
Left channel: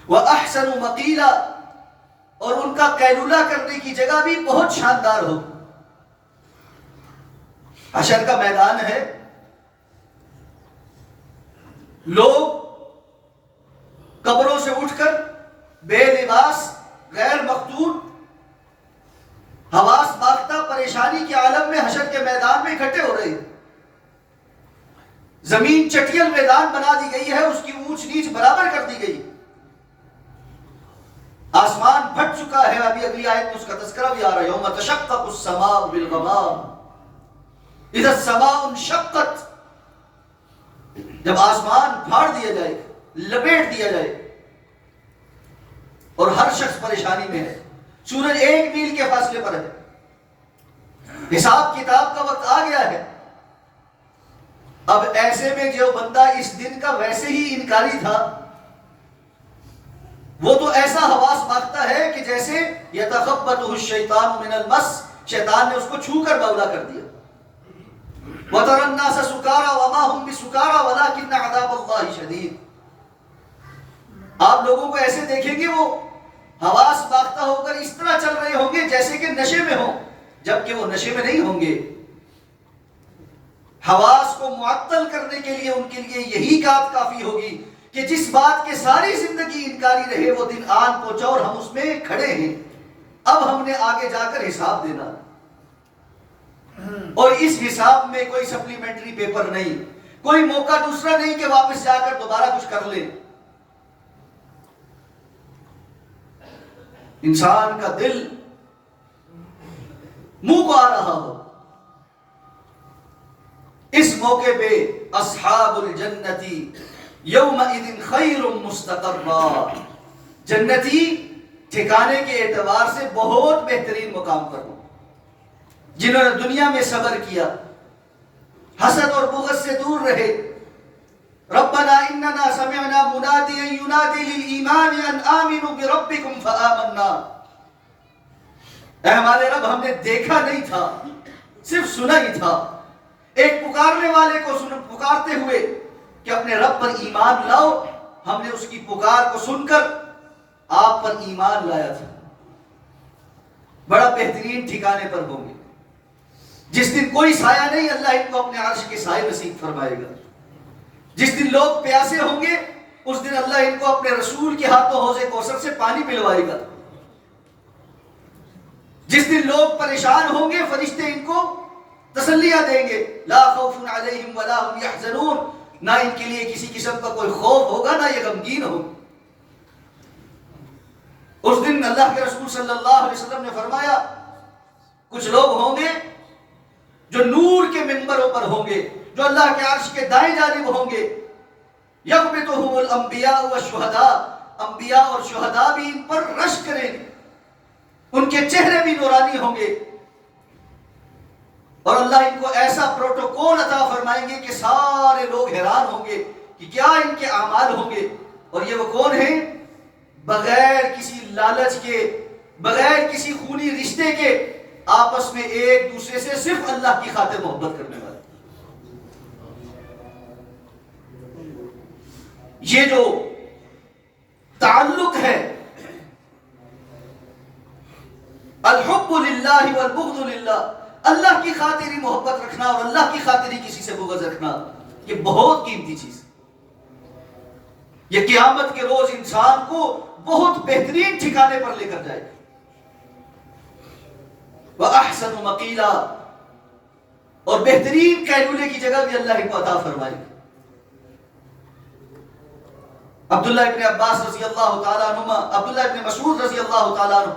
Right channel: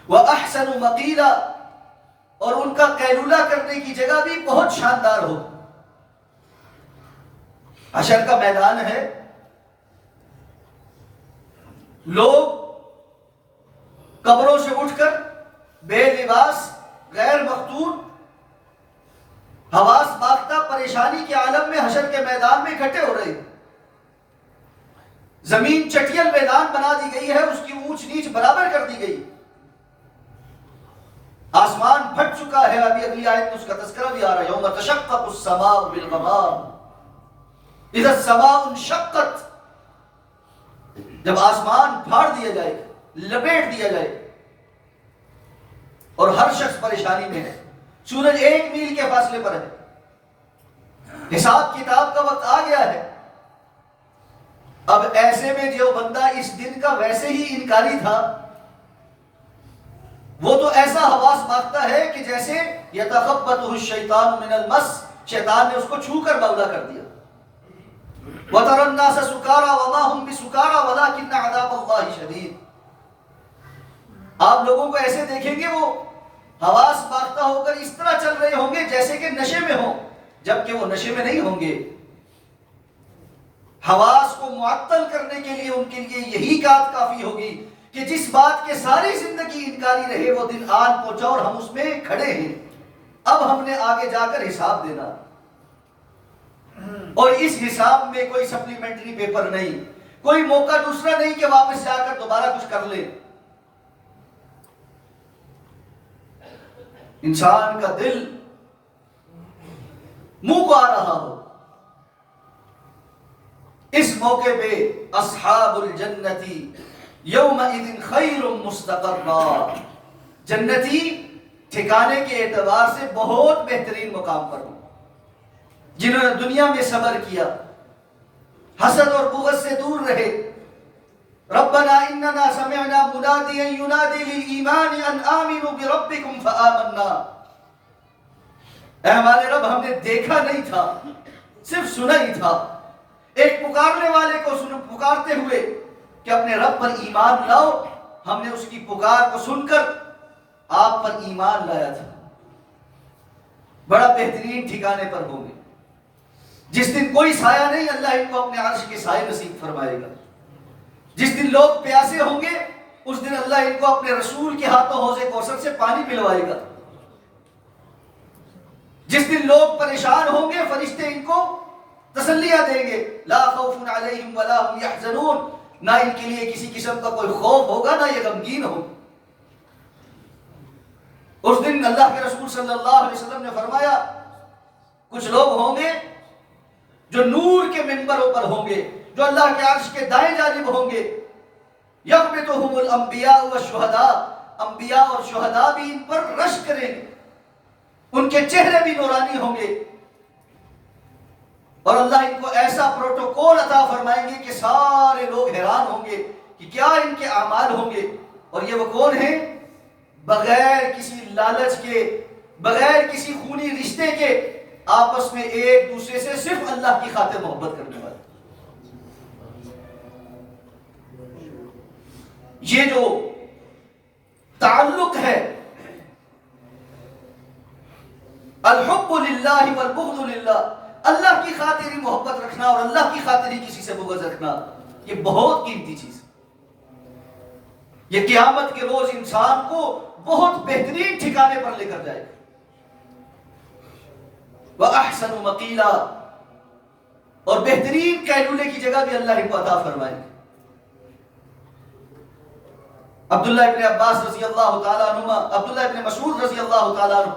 وَأَحْسَنُ مَقِيلًا، اور ان کا قیلولہ کرنے کی جگہ بھی بہت شاندار ہو۔ حشر کا میدان ہے، لوگ قبروں سے اٹھ کر بے لباس، غیر مختون، حواس باختہ، پریشانی کے عالم میں حشر کے میدان میں اکٹھے ہو رہے ہیں۔ زمین چٹیل میدان بنا دی گئی ہے، اس کی اونچ نیچ برابر کر دی گئی۔ آسمان پھٹ چکا ہے، ابھی اگلی آیت میں اس کا تذکرہ بھی آ رہا ہے، یوم تشقق السماء بالغمام اذا السماء انشقت، جب آسمان پھاڑ دیا جائے، لپیٹ دیا جائے اور ہر شخص پریشانی میں ہے، سورج 1 میل کے فاصلے پر ہے، حساب کتاب کا وقت آ گیا ہے۔ اب ایسے میں جو بندہ اس دن کا ویسے ہی انکاری تھا، وہ تو ایسا حواس باختہ ہے کہ جیسے یتخبطہ الشیطان من المس، شیطان نے اس کو چھو کر بولا کر دیا۔ وَتَرَى النَّاسَ سُكَارَى وَمَا هُمْ بِسُكَارَى وَلَكِنَّ عَذَابَ اللَّهِ شَدِيدٌ، آپ لوگوں کو ایسے دیکھیں گے وہ حواس باختہ ہو کر اس طرح چل رہے ہوں گے جیسے کہ نشے میں ہوں، جبکہ وہ نشے میں نہیں ہوں گے۔ حواس کو معطل کرنے کے لیے ان کے لیے یہی بات کافی ہوگی کہ جس بات کے ساری زندگی انکاری رہے وہ دن آن پہنچا اور ہم اس میں کھڑے ہیں، اب ہم نے آگے جا کر حساب دینا، اور اس حساب میں کوئی سپلیمنٹری پیپر نہیں، کوئی موقع دوسرا نہیں کہ واپس جا کر دوبارہ کچھ کر لیں۔ انسان کا دل منہ کو آ رہا ہو، اس موقع پہ اصحاب الجنتی یومئذ خیر مستقرا، جنتی ٹھکانے کے اعتبار سے بہت بہترین مقام پر ہوں، جنہوں نے دنیا میں صبر کیا، حسد اور بغض سے دور رہے۔ ربنا اننا سمعنا منادیا ینادی للایمان ان آمنوا بربکم فآمنا، اے ہمارے رب ہم نے دیکھا نہیں تھا، صرف سنا ہی تھا، ایک پکارنے والے کو پکارتے ہوئے کہ اپنے رب پر ایمان لاؤ، ہم نے اس کی پکار کو سن کر آپ پر ایمان لایا تھا۔ بڑا بہترین ٹھکانے پر ہوں گے، جس دن کوئی سایہ نہیں، اللہ ان کو اپنے عرش کے سائے نصیب فرمائے گا۔ جس دن لوگ پیاسے ہوں گے، اس دن اللہ ان کو اپنے رسول کے ہاتھوں حوض کوثر سے پانی پلوائے گا۔ جس دن لوگ پریشان ہوں گے، فرشتے ان کو تسلیاں دیں گے، لا خوف علیہم ولا هم يحزنون، نہ ان کے لیے کسی قسم کا کوئی خوف ہوگا، نہ یہ غمگین ہوں۔ اس دن اللہ کے رسول صلی اللہ علیہ وسلم نے فرمایا کچھ لوگ ہوں گے جو نور کے منبروں پر ہوں گے، جو اللہ کے عرش کے دائیں جانب ہوں گے، یغبطہم الانبیاء والشہداء، انبیاء اور شہداء بھی ان پر رش کریں گے، ان کے چہرے بھی نورانی ہوں گے، اور اللہ ان کو ایسا پروٹوکول عطا فرمائیں گے کہ سارے لوگ حیران ہوں گے کہ کیا ان کے اعمال ہوں گے، اور یہ وہ کون ہیں؟ بغیر کسی لالچ کے، بغیر کسی خونی رشتے کے، آپس میں ایک دوسرے سے صرف اللہ کی خاطر محبت کرنے والے۔ یہ جو تعلق ہے الحب للہ والبغض للہ، اللہ کی خاطر ہی محبت رکھنا اور اللہ کی خاطر ہی کسی سے بغض رکھنا، یہ بہت قیمتی چیز ہے۔ یہ قیامت کے روز انسان کو بہت بہترین ٹھکانے پر لے کر جائے گا۔ وَأَحْسَنُ مَقِيلًا، اور بہترین قیلولے کی جگہ بھی اللہ کو عطا فرمائے گا۔ عبداللہ ابن عباس رضی اللہ تعالیٰ عنہ، عبداللہ ابن مسعود رضی اللہ تعالیٰ عنہ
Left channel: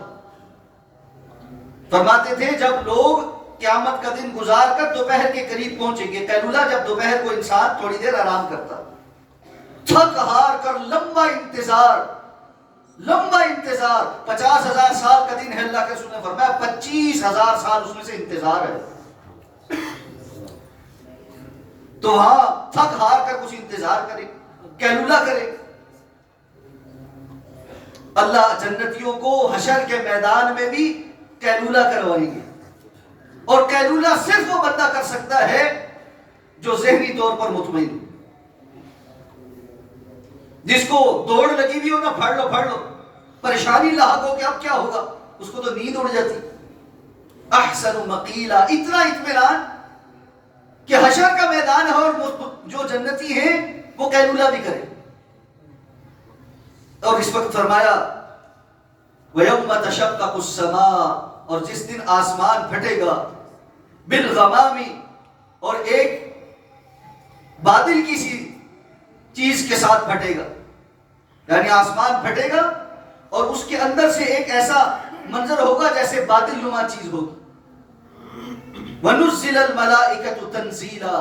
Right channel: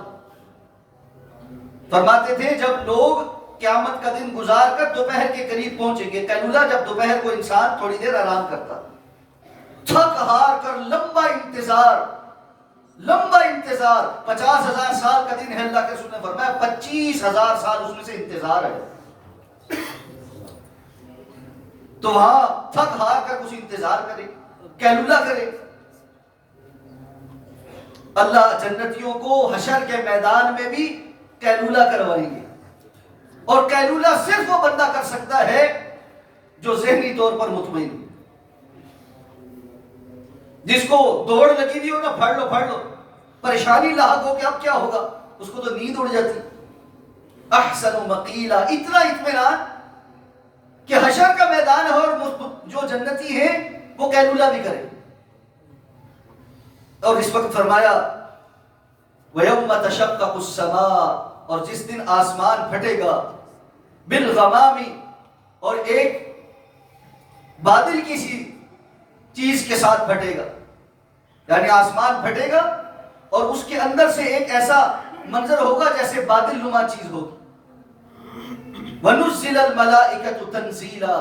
فرماتے تھے جب لوگ قیامت کا دن گزار کر دوپہر کے قریب پہنچیں گے، قیلولہ جب دوپہر کو انسان تھوڑی دیر آرام کرتا، تھک ہار کر لمبا انتظار 50,000 سال کا دن ہے، اللہ کے رسول نے فرمایا 25,000 سال اس میں سے انتظار ہے، تو وہاں تھک ہار کر کچھ انتظار کرے، قیلولہ کرے۔ اللہ جنتیوں کو حشر کے میدان میں بھی قیلولہ کروائیں گے، اور قیلولہ صرف وہ بندہ کر سکتا ہے جو ذہنی طور پر مطمئن، جس کو دوڑ لگی ہوئی ہو نا، پڑھ لو پریشانی لاحق ہو کہ اب کیا ہوگا، اس کو تو نیند اڑ جاتی۔ احسن مقیلا، اتنا اطمینان کہ حشر کا میدان ہے اور جو جنتی ہیں وہ قیلولہ بھی کرے۔ اور اس وقت فرمایا وَيَوْمَ تَشَقَّقُ السَّمَاءُ، اور جس دن آسمان پھٹے گا، بِالْغَمَامِ، اور ایک بادل کسی چیز کے ساتھ پھٹے گا، یعنی آسمان پھٹے گا اور اس کے اندر سے ایک ایسا منظر ہوگا جیسے بادل نما چیز ہوگی۔ وَنُزِّلَ الْمَلَائِكَةُ تَنزِيلًا،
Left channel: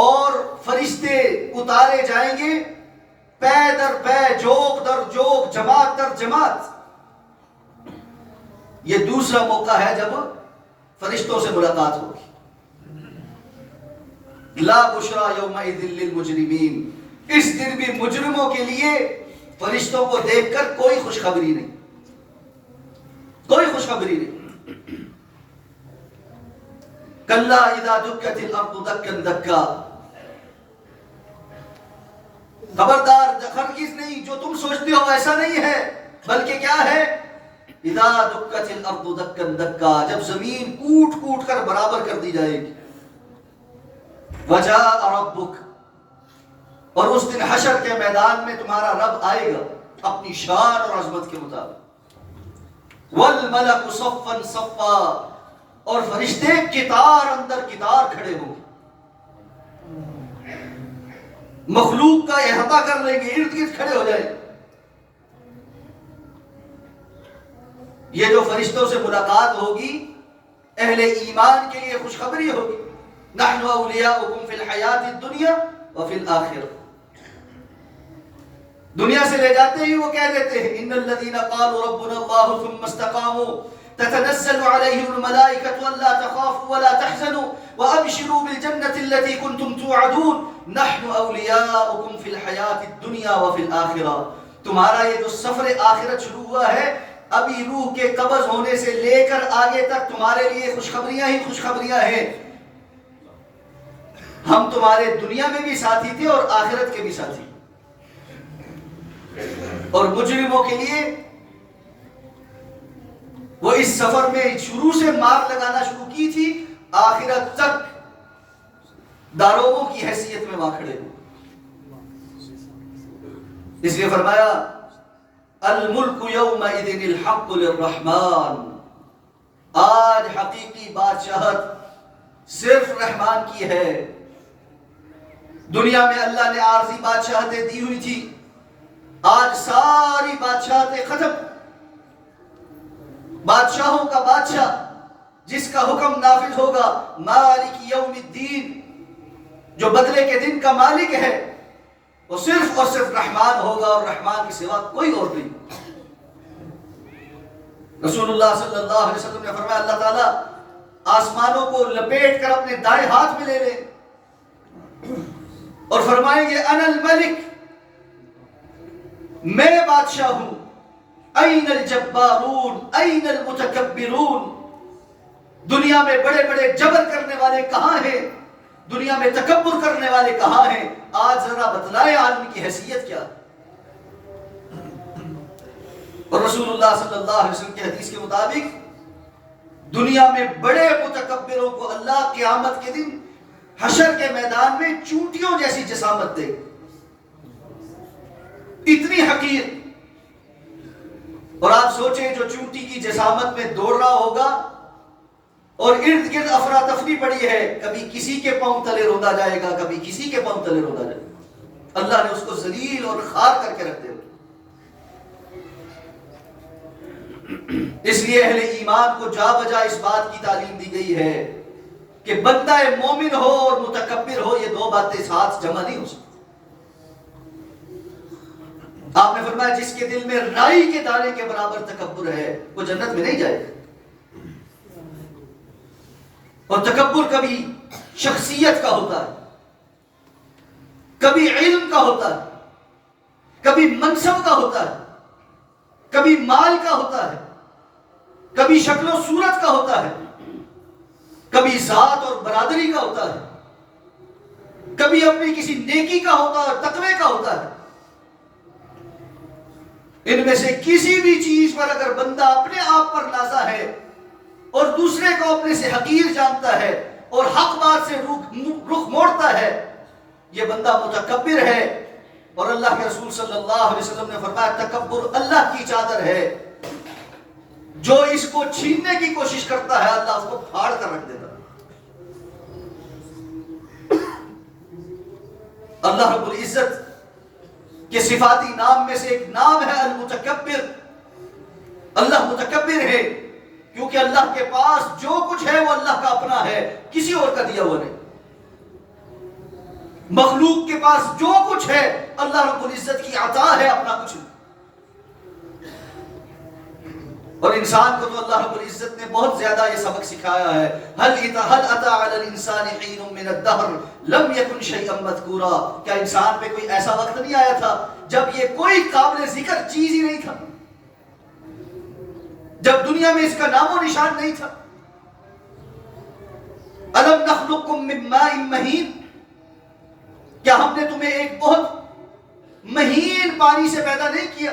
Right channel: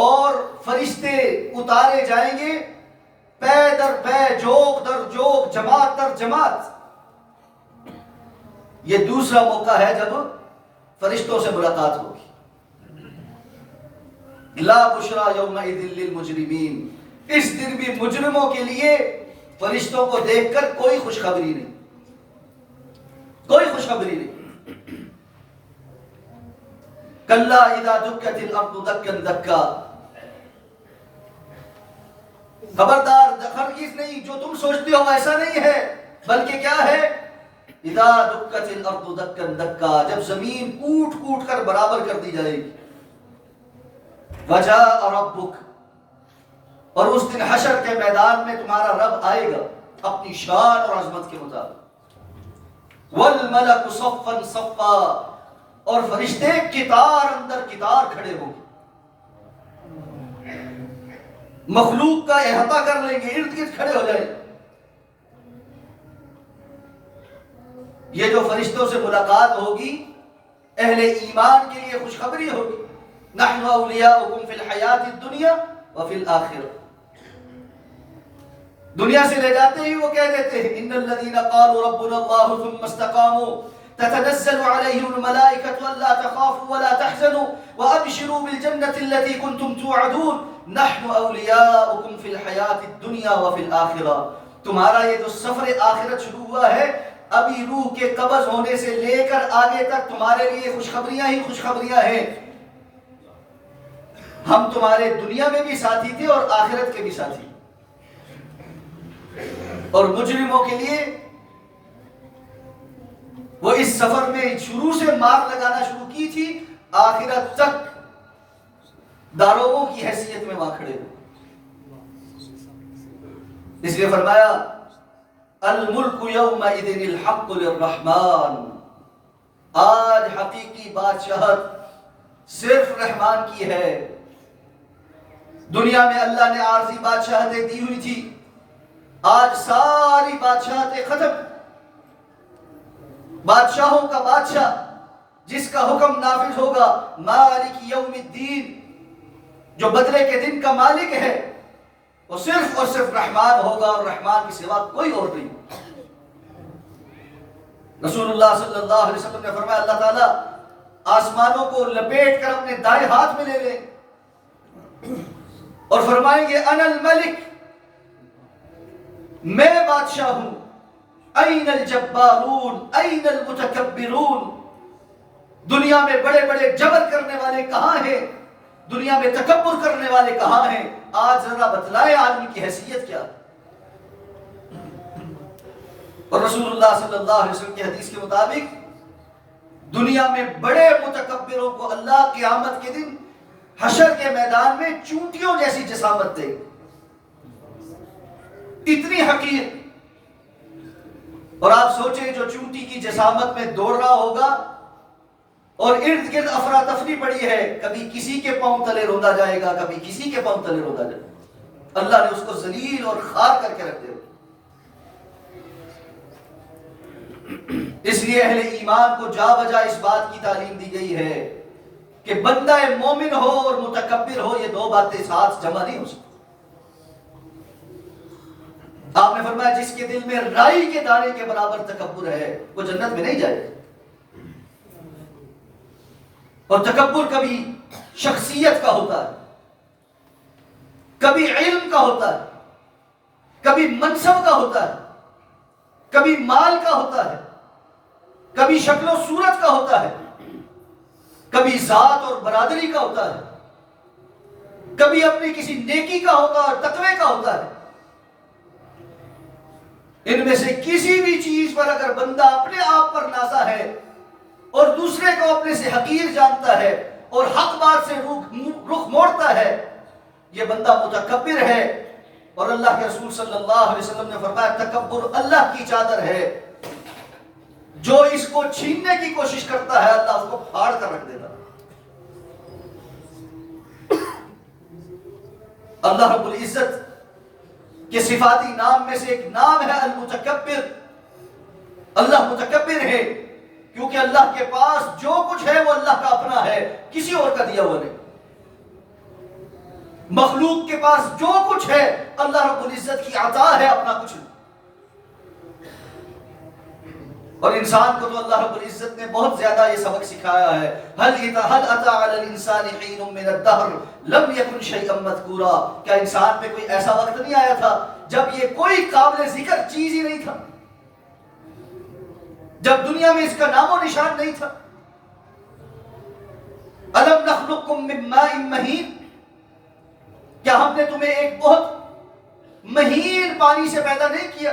اور فرشتے اتارے جائیں گے پے در پے، جوق در جوق، جماعت در جماعت۔ یہ دوسرا موقع ہے جب فرشتوں سے ملاقات ہوگی۔ لا بشرا یومئذ للمجرمین، اس دن بھی مجرموں کے لیے فرشتوں کو دیکھ کر کوئی خوشخبری نہیں، کوئی خوشخبری نہیں۔ کلا اذا دکت الارض دکا دکا، خبردار، ہرگز نہیں، جو تم سوچتے ہو ایسا نہیں ہے، بلکہ کیا ہے؟ اذا دکت الارض دکا دکا، جب زمین کوٹ کوٹ کر برابر کر دی جائے گی۔ وجاء ربک، اور اس دن حشر کے میدان میں تمہارا رب آئے گا اپنی شان اور عظمت کے مطابق۔ والملک صفا صفا، اور فرشتے قطار اندر قطار کھڑے ہوں گے، مخلوق کا احاطہ کر لیں گے، ارد گرد کھڑے ہو جائیں گے۔ یہ جو فرشتوں سے ملاقات ہوگی اہل ایمان کے لیے خوشخبری ہوگی۔ نحن اولیاؤکم فی الحیات الدنیا وفی الآخرہ، دنیا سے لے جاتے ہی وہ کہہ دیتے ہیں ان الذین قالوا ربنا اللہ ثم استقاموا تتنزل علیہم الملائکۃ الا تخافوا ولا تحزنوا وابشروا بالجنۃ التي كنتم توعدون نحن اولیاؤکم فی الحیات الدنیا وفی الآخرہ۔ تمہارا یہ جو سفر آخرت شروع ہوا ہے، ابھی روح کے قبض ہونے سے لے کر آگے تک تمہارے لیے خوشخبریاں ہی خوشخبریاں ہیں۔ ہم تمہارے دنیا میں بھی ساتھی تھے اور آخرت کے بھی ساتھی، اور مجرموں کے لیے وہ اس سفر میں شروع سے مار لگانا شروع کی تھی، آخرت تک داروغوں کی حیثیت میں وہاں کھڑے ہوئے۔ اس لیے فرمایا الملک یومئذ الحق للرحمن، آج حقیقی بادشاہت صرف رحمان کی ہے۔ دنیا میں اللہ نے عارضی بادشاہتیں دی ہوئی تھی، آج ساری بادشاہتیں ختم۔ بادشاہوں کا بادشاہ جس کا حکم نافذ ہوگا، مالک یوم الدین، جو بدلے کے دن کا مالک ہے، وہ صرف اور صرف رحمان ہوگا، اور رحمان کے سوا کوئی اور نہیں۔ رسول اللہ صلی اللہ علیہ وسلم نے فرمایا اللہ تعالیٰ آسمانوں کو لپیٹ کر اپنے دائیں ہاتھ میں لے لے، اور فرمائیں گے انا الملک، میں بادشاہ ہوں، این الجبارون این المتکبرون، دنیا میں بڑے بڑے جبر کرنے والے کہاں ہیں، دنیا میں تکبر کرنے والے کہاں ہیں؟ آج ذرا بتلائے عالم کی حیثیت کیا؟ اور رسول اللہ صلی اللہ علیہ وسلم کی حدیث کے مطابق دنیا میں بڑے متکبروں کو اللہ قیامت کے دن حشر کے میدان میں چونٹیوں جیسی جسامت دے، اتنی حقیر۔ اور آپ سوچیں جو چونٹی کی جسامت میں دوڑ رہا ہوگا اور ارد گرد افراتفری پڑی ہے، کبھی کسی کے پاؤں تلے روندا جائے گا، کبھی کسی کے پاؤں تلے روندا جائے گا، اللہ نے اس کو ذلیل اور خار کر کے رکھ دیا۔ اس لیے اہل ایمان کو جا بجا اس بات کی تعلیم دی گئی ہے کہ بندہ مومن ہو اور متکبر ہو، یہ دو باتیں ساتھ جمع نہیں ہو سکتی۔ آپ نے فرمایا جس کے دل میں رائی کے دانے کے برابر تکبر ہے وہ جنت میں نہیں جائے گا۔ اور تکبر کبھی شخصیت کا ہوتا ہے، کبھی علم کا ہوتا ہے، کبھی منصب کا ہوتا ہے، کبھی مال کا ہوتا ہے، کبھی شکل و صورت کا ہوتا ہے، کبھی ذات اور برادری کا ہوتا ہے، کبھی اپنی کسی نیکی کا ہوتا ہے، تقوی کا ہوتا ہے۔ ان میں سے کسی بھی چیز پر اگر بندہ اپنے آپ پر نازا ہے اور دوسرے کو اپنے سے حقیر جانتا ہے اور حق بات سے رخ موڑتا ہے، یہ بندہ متکبر ہے۔ اور اللہ کے رسول صلی اللہ علیہ وسلم نے فرمایا تکبر اللہ کی چادر ہے، جو اس کو چھیننے کی کوشش کرتا ہے اللہ اس کو پھاڑ کر رکھ دیتا۔ اللہ رب العزت کے صفاتی نام میں سے ایک نام ہے المتکبر۔ اللہ متکبر ہے کیونکہ اللہ کے پاس جو کچھ ہے وہ اللہ کا اپنا ہے، کسی اور کا دیا ہوا نہیں۔ مخلوق کے پاس جو کچھ ہے اللہ رب العزت کی عطا ہے، اپنا کچھ نہیں۔ اور انسان کو تو اللہ رب العزت نے بہت زیادہ یہ سبق سکھایا ہے، هل اتى على الانسان حين من الدهر لم يكن شيئا مذكورا، کیا انسان پہ کوئی ایسا وقت نہیں آیا تھا جب یہ کوئی قابل ذکر چیز ہی نہیں تھا، جب دنیا میں اس کا نام و نشان نہیں تھا؟ الم نخلقكم من ماء مهين، کیا ہم نے تمہیں ایک بہت مہین پانی سے پیدا نہیں کیا؟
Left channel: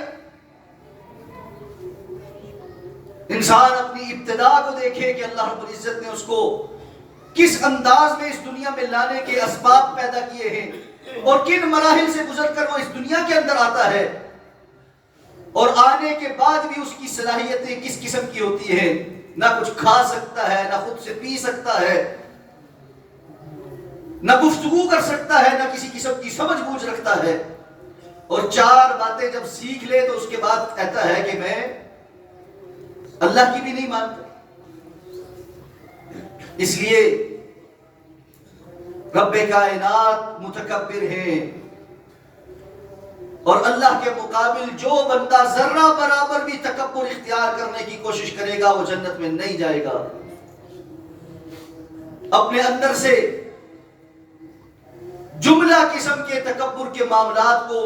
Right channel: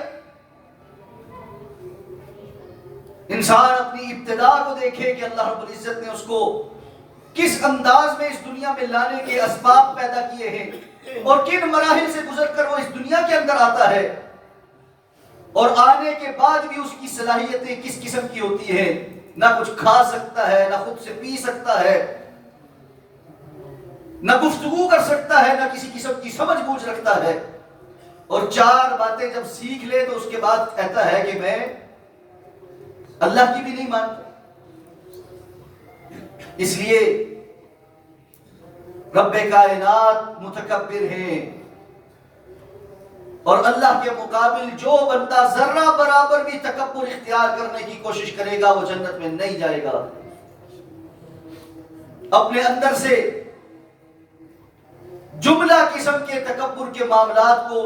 انسان اپنی ابتدا کو دیکھے کہ اللہ رب العزت نے اس کو کس انداز میں اس دنیا میں لانے کے اسباب پیدا کیے ہیں اور کن مراحل سے گزر کر وہ اس دنیا کے اندر آتا ہے، اور آنے کے بعد بھی اس کی صلاحیتیں کس قسم کی ہوتی ہیں، نہ کچھ کھا سکتا ہے، نہ خود سے پی سکتا ہے، نہ گفتگو کر سکتا ہے، نہ کسی قسم کی سمجھ بوجھ رکھتا ہے، اور چار باتیں جب سیکھ لے تو اس کے بعد کہتا ہے کہ میں اللہ کی بھی نہیں مانتا۔ اس لیے رب کائنات متکبر ہیں، اور اللہ کے مقابل جو بندہ ذرہ برابر بھی تکبر اختیار کرنے کی کوشش کرے گا وہ جنت میں نہیں جائے گا۔ اپنے اندر سے جملہ قسم کے تکبر کے معاملات کو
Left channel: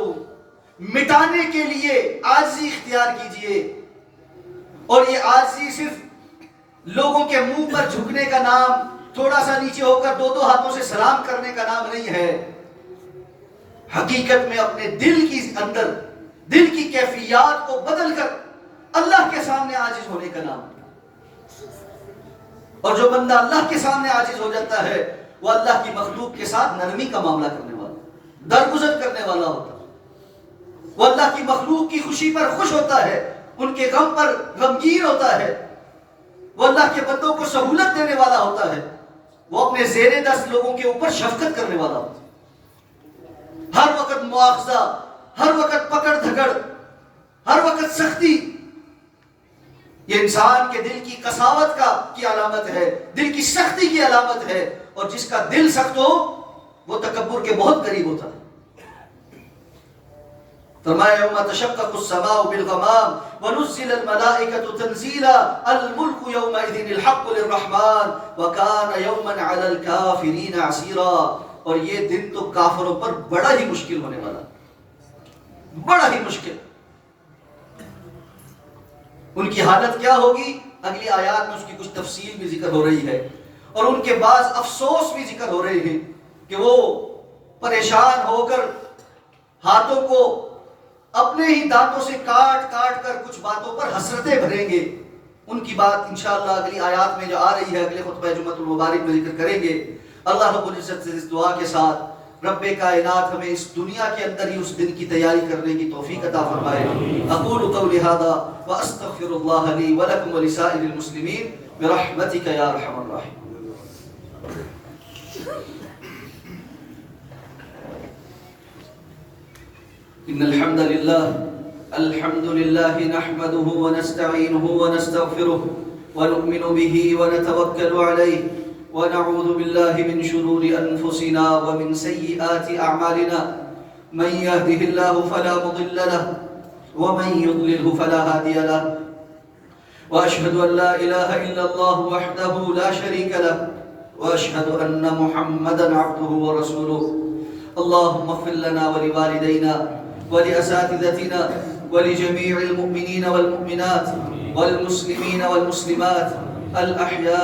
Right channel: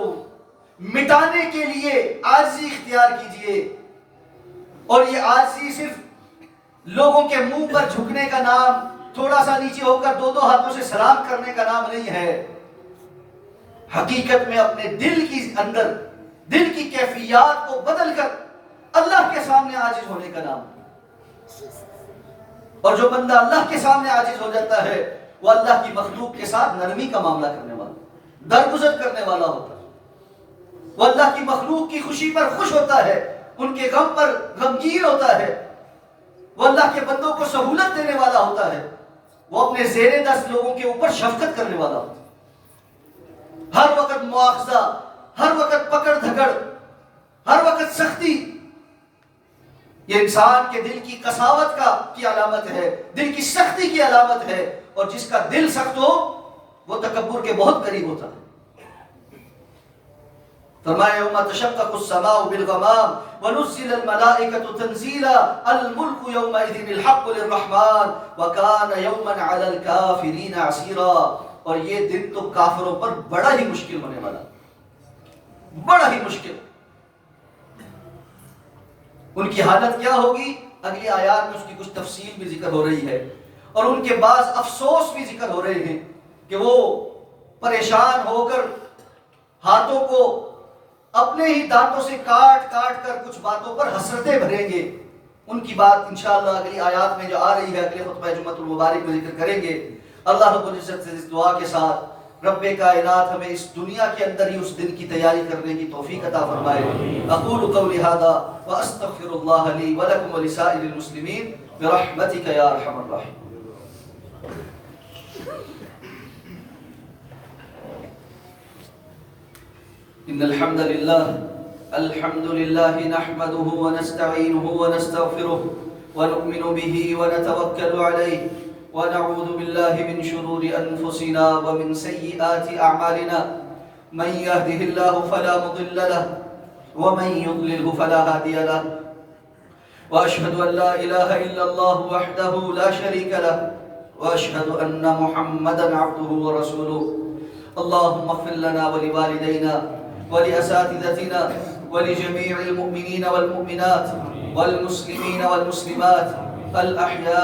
مٹانے کے لیے عاجزی اختیار کیجئے، اور یہ عاجزی صرف لوگوں کے منہ پر جھکنے کا نام، تھوڑا سا نیچے ہو کر دو ہاتھوں سے سلام کرنے کا نام نہیں ہے، حقیقت میں اپنے دل کی اندر دل کی کیفیات کو بدل کر اللہ کے سامنے عاجز ہونے کا نام۔ اور جو بندہ اللہ کے سامنے عاجز ہو جاتا ہے وہ اللہ کی مخلوق کے ساتھ نرمی کا معاملہ کرنے والا، درگزر کرنے والا ہوتا ہے، وہ اللہ کی مخلوق کی خوشی پر خوش ہوتا ہے، ان کے غم پر غمگین ہوتا ہے، وہ اللہ کے بندوں کو سہولت دینے والا ہوتا ہے، وہ اپنے زیر دست لوگوں کے اوپر شفقت کرنے والا ہوتا ہے۔ ہر وقت مواخذہ، ہر وقت پکڑ دھکڑ، ہر وقت سختی، یہ انسان کے دل کی قساوت کی علامت ہے، دل کی سختی کی علامت ہے، اور جس کا دل سخت ہو وہ تکبر کے بہت قریب ہوتا ہے۔ فرمایا یوم تشقق السماء بالغمام ونزل الملائکۃ تنزیلا الملک یومئذ الحق للرحمن وکان یوما علی الکافرین عسیرا۔ اور یہ دن تو کافروں پر بڑا ہی مشکل ہونے والا، بڑا ہی مشکل۔ ان کی حالت کیا ہوگی؟ اگلی آیات میں اس کی کچھ تفصیل بھی ذکر ہو رہی ہے، اور ان کے بعض افسوس بھی ذکر ہو رہے ہیں کہ وہ پریشان ہو کر ہاتھوں کو اپنے ہی دانتوں سے کاٹ کاٹ کر کچھ باتوں پر حسرتیں بھریں گے۔ ان کی بات انشاءاللہ اگلی آیات میں جو آ رہی ہے، اگلے خطبہ جمعۃ المبارک میں ذکر کریں گے۔ اللہ رب العزت سے اس دعا کے ساتھ رب کائنات ہمیں اس دنیا کے اندر ہی اس دن کی تیاری کرنے کی توفیق عطا فرمائے۔ اقول قولی ھذا واستغفر اللہ لی ولکم ولسائر المسلمین برحمتک یا ارحم الراحمین۔ ان الحمد للہ نحمده ونستعینه ونستغفره ونؤمن به ونتوکل علیہ ونعوذ باللہ من شرور انفسنا ومن سیئات اعمالنا من يهده الله فلا مضل له ومن يضلله فلا هادي له واشهد ان لا اله الا الله وحده لا شريك له واشهد ان محمدا عبده ورسوله اللهم اغفر لنا ولوالدينا ولأساتذتنا ولجميع المؤمنين والمؤمنات والمسلمين والمسلمات الأحياء